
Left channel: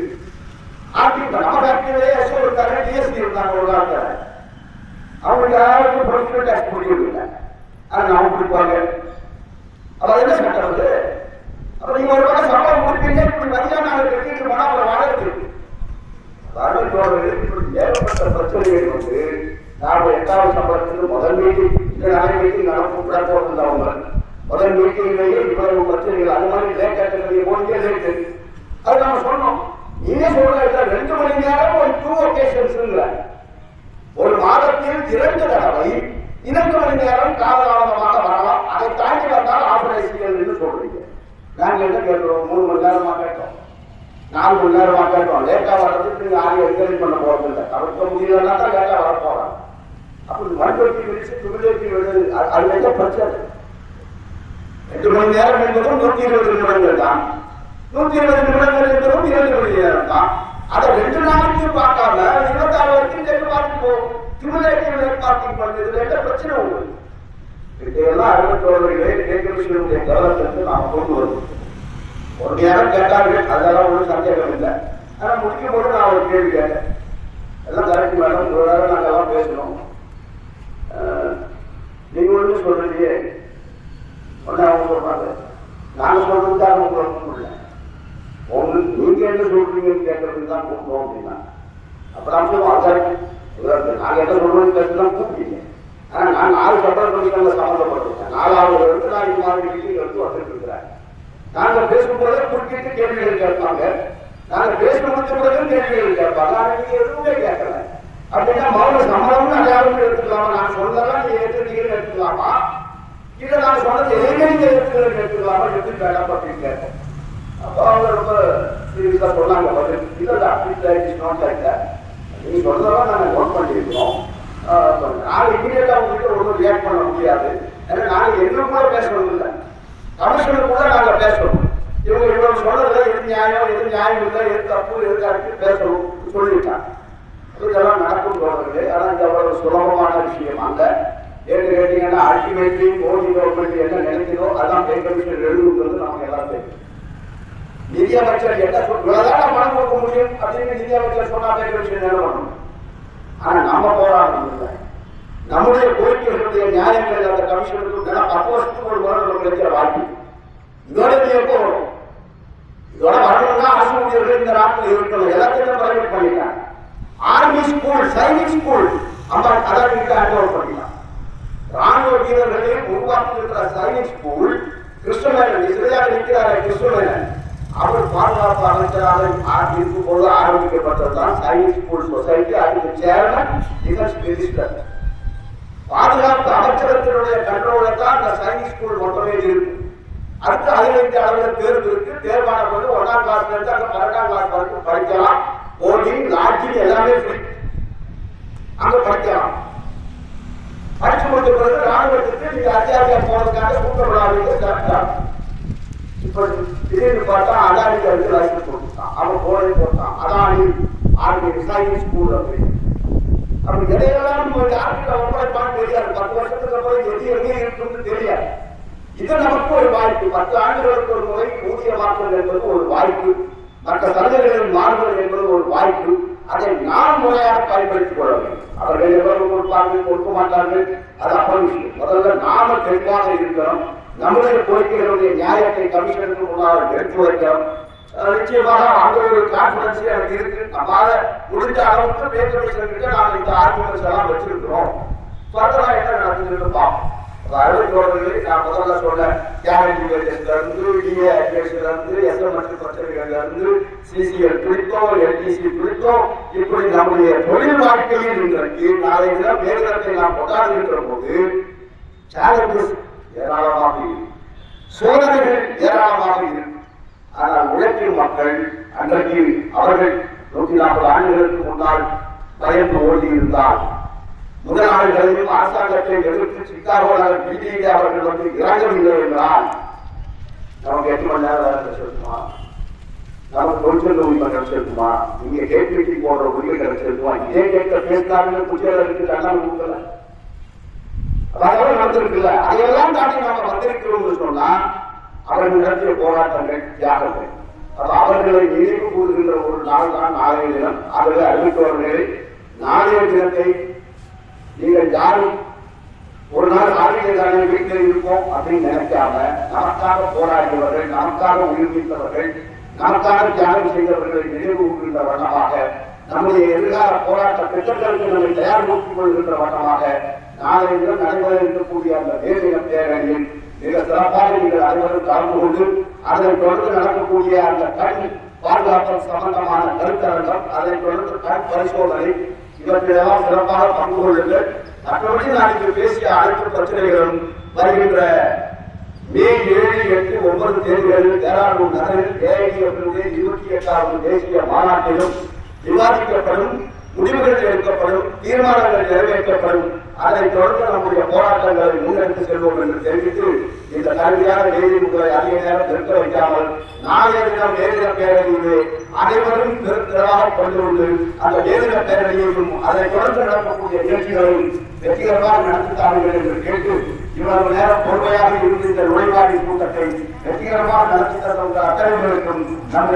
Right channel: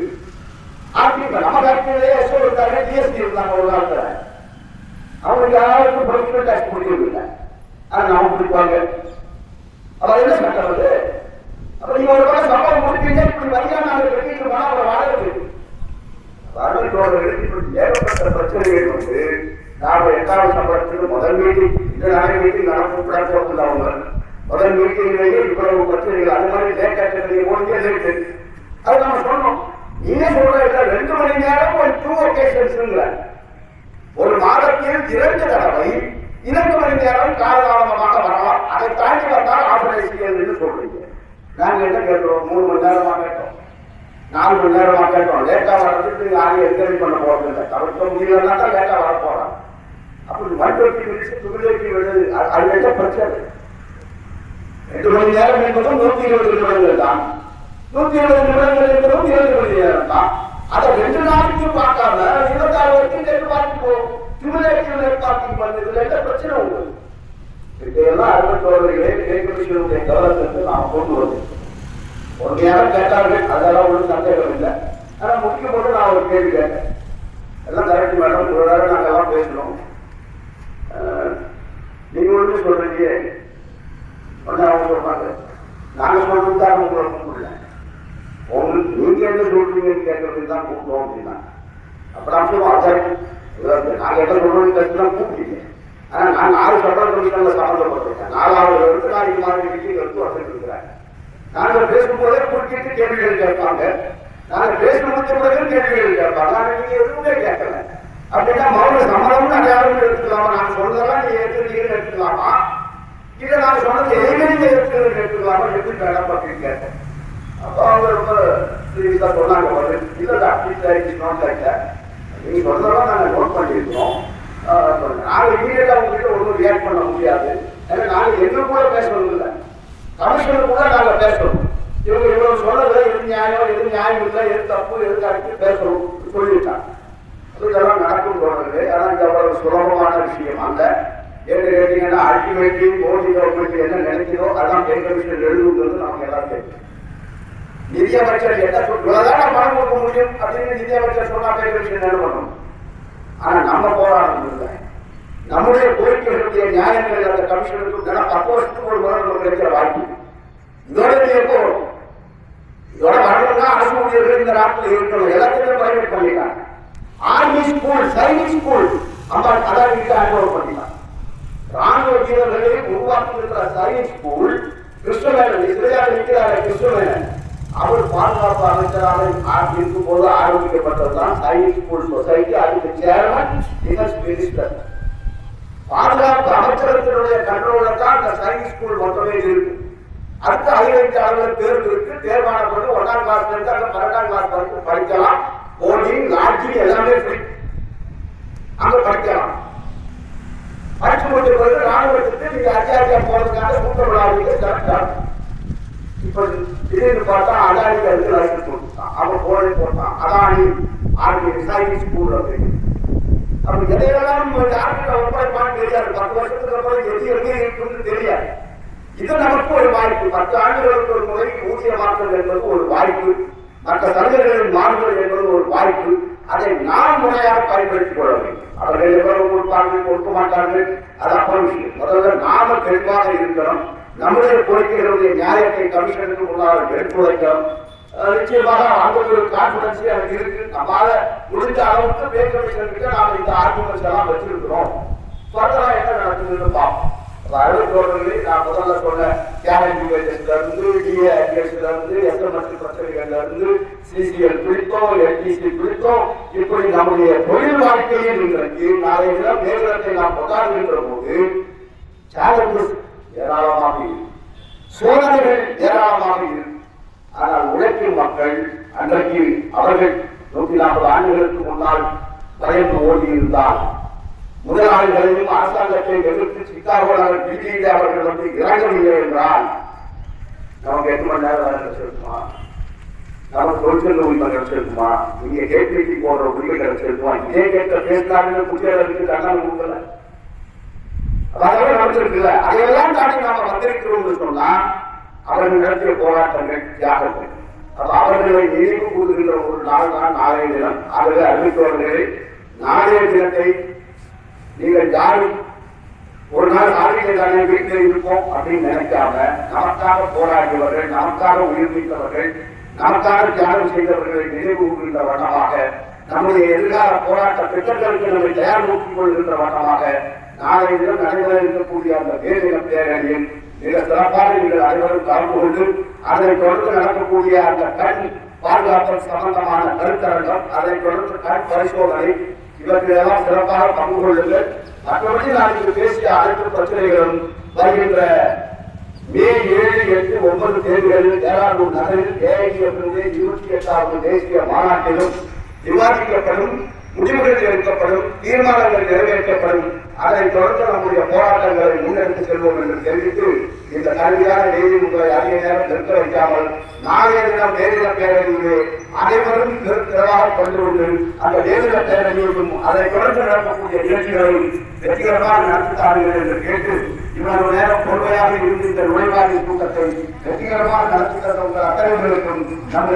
ஆர்டிக்கல் நம்ம ஃபேக்டரியிலே எஸ்ஓ இருக்காங்க, டிஎஸ்பி இருக்காங்க. ஒரு காலத்துல அவங்களுக்கு யாருக்கும் ப்ரொஃபஷனல் டேக்ஸ் முடியவில்லை. ஆனா அவங்க பிடிப்பாங்க. அவர் என்ன சட்டம் அது? அப்ப நீங்க ஒரு பக்கம் சம்பளம் முடிப்பீங்க, இப்படி வரியா நாங்கள் கட்டிட்டு போனா அப்புறம் வாடகை ஏற்பட்ட பிரச்சனைகள் வந்து நாம 8வது சம்பளத்துக்கு முதல் மீட்டிங் இந்த நிறைய மீட்டிங் நடந்தவங்க முதல் மீட்டிங்லேயே இவ்வளவு பிரச்சனைகள் அது மாதிரி லேட்டாக ஓடியே லேட்டு. அது நம்ம சொன்னோம். நீயே சொல்ற 2 மணி நேரம் ஒரு 2 ஒகேஷன்ஸ்ங்கிற ஒரு மாதத்தில் 2 தடவை 2 மணி நேரம் காலதாமதமாக வரலாம். அதை தாண்டி வந்தால் ஆபரேஷன் சொல்றீங்க. நாங்க என்ன கேட்கிறோம்? 3 மணி நேரமா கேட்டோம், 4 மணி நேரமா கேட்டோம். லேட்டா வர்றதுக்கு நீங்க யாரையும் என்கரேஜ் பண்ண போறது இல்லை. தவிர்க்க முடியலன்னா தான் லேட்டா வர போறோம். அப்படி மறுபடிக்கு விரிச்சு துணிலைக்கு விடுது. அது என்ன பிரச்சனை? 2 மணி நேரம் என்பதும் 120 நிமிடங்கள் தான். 120 நிமிடங்கள் என்பதும் 2 மணி நேரம் தான். அதை 2 நாளைக்கு பார்க்காம 26 வரைக்கும் கேட்டு பார்த்து துணிலைக்கு பார்க்கிங் பண்றதுல என்ன பிரச்சனை உள்ளது? இதையெல்லாம் அறிவுறுத்தவர்களே கேட்கக்கூடிய கவனத்திற்கு நாம் கொண்டு வருவோம். ஒரு நேரம் கேட்டார்கள், அதெல்லாம் ஒன்றும் சந்தேகம் இல்லை. ஆனால் முடிக்கும் போது நான் ஒரு கேள்வி கேட்டேன். எல்லாம் கரெக்ட் மேடம், ஒரு நேரம் நாங்கள் எல்லாம் பேசணும். நீங்க ஒன்று சொல்றீங்க, அவங்க சொல்றாங்க, நாங்க சொல்றது தான் உங்களுக்கு இல்லை. உங்களுக்கு நீங்க என்ன சொல்றீங்கன்னு கேட்கறது தான் கூப்பிடுவோம் அப்படின்னா அப்புறம் நாங்க என்ன சொல்றோம்னு கேட்டுதான் கூப்பிட்டீங்க. ஆனா நான் 4 சட்டமன்றங்கள்ல சம்மந்தப்பட்டிருக்கேன். 4வது எடுத்து நான் இது மாதிரி மீட்டிங் எடுத்து வந்திருக்கிறேன். நாங்க பேசும்போதே குறுக்கிட்டு கேள்விகள் கேட்பாங்க. நாங்க பேசி முடிச்ச பிறகு கேள்விகள் கேட்பாங்க. நீங்க எதுவுமே கேட்கல அப்படின்னா மௌன சம்மதம்னு அடையாளம் எடுத்துக்கலாமா? நான் சொல்றதெல்லாம் நீங்க ஏற்றுக்கிறீங்கன்னு எடுத்துக்கலாமா? இல்ல நான் சொன்னது எதுவுமே நீங்க ஏற்றுக்கிறேன்னு எடுத்துக்கலாமா? எப்படி வேண்டாம் அப்படின்னு கேட்டேன். அப்போ அவங்க ரொம்ப சீரியஸா சொன்னாங்க, இல்ல நீங்க சொல்றதெல்லாம் நாங்க நோட் பண்ணிருக்கோம். நாங்க இமீடியட்டா உங்ககிட்ட ஒன்றும் ரியாக்ட் பண்ண முடியாது. நாங்க எங்களுக்குள்ள பேசணும் இல்லை, கமிஷனுக்குள்ள நாங்க பேசணும். இவங்க இவ்வளவு சொல்றதுல எது நியாயம் எது நியாயம் இல்லை, எது தப்பு எது கரெக்ட் பேசணும் சொல்லிட்டாங்க. இதெல்லாம் நடக்கும் போடுறது. ஆனால் இது அவ்வளவு சுலபமான விஷயம் அல்ல. ஏன்னு கேட்டீங்கன்னா அல்டிமேட்லி மோடி கவர்மெண்ட் என்ன நினைக்கிறதோ அதான் பே கமிஷன் எழுதுங்கிறது நமக்கு எல்லாம் தெரியும். நிதியமைச்சர் என்ன சொல்றதான் நான் பணம் கொடுக்க முடியும் அப்படின்னு நிதியமைச்சர் சொன்னா பே கமிஷன் என்ன பண்ணணும்? ஆனா நம்ம போராட்டம் இல்லை. நம்முடைய கோரிக்கைகளுடைய நியாயங்கள் அந்த கமிஷனுக்கு 10 வருஷத்துக்கு ஒரு முறை கிடைக்கிற வாய்ப்பு. இதோட எப்போ வரும்? இதோட வரணும்னா அரசு ஊழியர்கள் இந்த நாட்டில் இருக்கணும். எல்லாத்தையும் பிரைவேட் பண்ணிட்டாங்க. ஆர்மி ஸ்கூல், சைனிக் ஸ்கூல் அதான் ஹேண்ட் ஓவர் பண்ணிட்டாங்க. ராணுவ வீரர்களை உருவாக்கி இருக்கிற சைனிக் ஸ்கூல் கிருஷ்ணமேனன் இஸ்ரேலில் இருக்கிறார். கிருஷ்ணமேனன் அவர் பாதுகாப்பு அமைச்சராக இருக்கும் போது ஆரம்பிக்கப்பட்டதுதான் சைனிக் ஸ்கூல் சொசைட்டி. அதுக்கு சேர்மன் டிஃபென்ஸ் மினிஸ்டர். பாதுகாப்பு அமைச்சகத்தினுடைய கண்ட்ரோல தான் இந்த சைனிக் ஸ்கூல் மொத்தமே இருக்கு. அடுத்த அகில இந்திய அளவில் தேர்வு இருக்கு. தேர்வான பிறகு 1ஆம் கிளாஸ்ல இருந்து அங்க 12ஆம் கிளாஸ் வரைக்கும் படிக்கலாம். போர்டிங் லாட்ஜிங் எல்லாமே ஃப்ரீ. அங்க படிக்கலாம். படிச்சு முடிச்ச பிறகு ராணுவத்திற்கு நீங்க அதிகாரியா போறதுக்காக சூப்பர். இப்ப திடீர்னு பார்த்தா அதானிக்கு வந்து லைசன்ஸ் கொடுத்தான். அவன் போனே போட்டான். அதானி ஆர்மி சைனிக் ஸ்கூல் அப்படின்னு. அப்படி எதையெல்லாம் யாருக்கு ஒப்படைப்பான்னு தெரியாது. 10 வருஷத்துக்கு அப்புறம் எது எங்கே இருக்குன்னு தெரியாது. இது நமக்கு ஒரு வாய்ப்பு. 10 ஆண்டுகளுக்கு ஒரு முறை ஊதிய மாற்றம் என்பது ஒரு வாய்ப்பு. மற்ற சலுகைகளின் மாறுதல் என்பது ஒரு வாய்ப்பு. அதை நாம் முறையாக பயன்படுத்திக் கொள்ள வேண்டும். அவர்கள் எவ்வளவு கொடுப்பார்கள் கொடுக்க மாட்டார்கள் அது அப்படி விஷயம். முதல்ல நாம தெளிவாக இருக்கிறோம். நம்முடைய கோரிக்கைகளுடைய நியாயத்தை கமிஷனுக்கு முன்னால் எடுத்துரைக்கிறோம். நிச்சயமாக அந்த ஒரு கான்பிடன்ஸ் எனக்கு இருக்கு. நம்மளால முடிந்த அளவுக்கு பே கமிஷன் கிட்ட நாங்கள் இந்த ஆர்குமெண்ட்ஸ் எல்லாம் வச்சிருக்கிறோம். ஃபர்தரா என்ன நடக்குதுன்னு பார்ப்போம். அதாவது போறவர்களே நான் முதல்ல சொன்ன கேரண்டி வேஜஸ்ல இருந்து டிஏ அட்வைஸ்ல இருந்து எஸ்எம்எஸ் பத்திரிகைகள்ல இருந்து சிசிஎல் குறித்தோம் எல்டிசி குறித்தோம் இப்படி நம்முடைய தொழில் வாழ்க்கையில் இன்றைக்கு நாளை தினம் மேலிடத்தை நாம் கொண்டாடுகின்ற போது சேலஞ்சஸ் ஏராளமாக இருக்கு, சோதனைகள் ஏராளமாக இருக்கு. ஆனால் உழைக்கும் மக்கள் அன்றைக்கு அவர்கள் 140 ஆண்டுகளுக்கு முன்னால் பயந்து ஓடி இருந்தால் முதலாளிகளையும் அரசாங்கத்தை எதிர்த்து சிக்காகோவில் பிடிக்க அவர்கள் வந்து இறங்கவில்லை என்றால் நமக்கு 8 மணி நேரம் வேலை கிடைச்சிருக்குமா? நமக்கு தொழிற்சங்க உரிமை கிடைச்சிருக்குமா? இங்கே கேபிடி போடுற உரிமை கிடைச்சிருக்குமா? இதே கேட்க பேசுறாங்க குட்டியாளர்களுக்கு கண்ணால் கொடுக்கல. அதெல்லாம் நடந்திருக்குல்ல. அதையெல்லாம் தாண்டி நாம வந்திருக்கிறோம் சொன்னா அவர்கள் நடத்திய போராட்டங்கள் தியாகங்கள். அவர்களை நினைவு கூறுகின்ற ஒரு நாள் தான் நாளைய தினம். ஆகவே அறிவித்தவர்களை நாளைய தினத்தை நீங்கள் யாரும் ஒரு நாள் ஆரோக்கியதான வீட்டில் இருப்போம் அப்படின்னு நினைக்காம நமக்காக போராடியவர்கள், நமக்காக உயிர் நீத்தவர்கள், நமக்காக தியாகம் செய்தவர்களை நினைவு கூறுகின்ற வண்ணமாக நம்முடைய எதிர்கால போராட்ட திட்டங்களுக்கு நம்மை தயார் நோக்கிக் கொள்கின்ற வண்ணமாக நாளை தினம் நடைபெற இருக்கக்கூடிய அந்த தேசிய பேரணியில் மிக சிறப்பாக நீங்கள் அனைவரும் கலந்து கொண்டு அதை தொடர்ந்து நடக்கக்கூடிய அந்த கண் பாதுகாப்பு சம்பந்தமான கருத்தரங்கம், அதை தொடர்ந்து கண் பரிசோதனை இவற்றையெல்லாம் சிறப்பாக பங்கு கொள்ளுங்கள். மற்றபடி நாளைக்கு பேசிய அனைத்து பிரச்சனைகளும் வருகின்ற மே 7, 8, 9 தேதிகளில் டேராடூன் நகரில் ஏஐடிஎஃப்னுடைய 28வது தேசிய மாநாட்டிலும் விவாதிக்கப்படும், முடிவுகள் எடுக்கப்படும், தீர்மானங்கள் நிறைவேற்றப்படும். அதனைத் தொடர்ந்து நம்முடைய போராட்டங்களை முன்னெடுத்து செல்வோம் என்று தெரிவித்து இந்த கல்வியான வேதி உங்களை அதிக நேரம் நிறுத்த வைக்காமல் நாளைய தினம் வேதின பேரணியிலே அனைவரும் பெருத்திரவாக கொண்டு கொண்டு அந்த வேதின பேரணியையும் அதை தொடர்ந்து நடக்கக்கூடிய நிகழ்ச்சிகளையும் வெற்றிகரமாக நடத்தித்தார்கள் என்று கேட்டு இவ்வளவு நேரம் பொறுமையாக இருந்து இந்த நுழைவாரி கூட்டத்தை வெற்றிகரமாக நடத்தி தந்த உங்கள் அத்தனை பேருக்கும்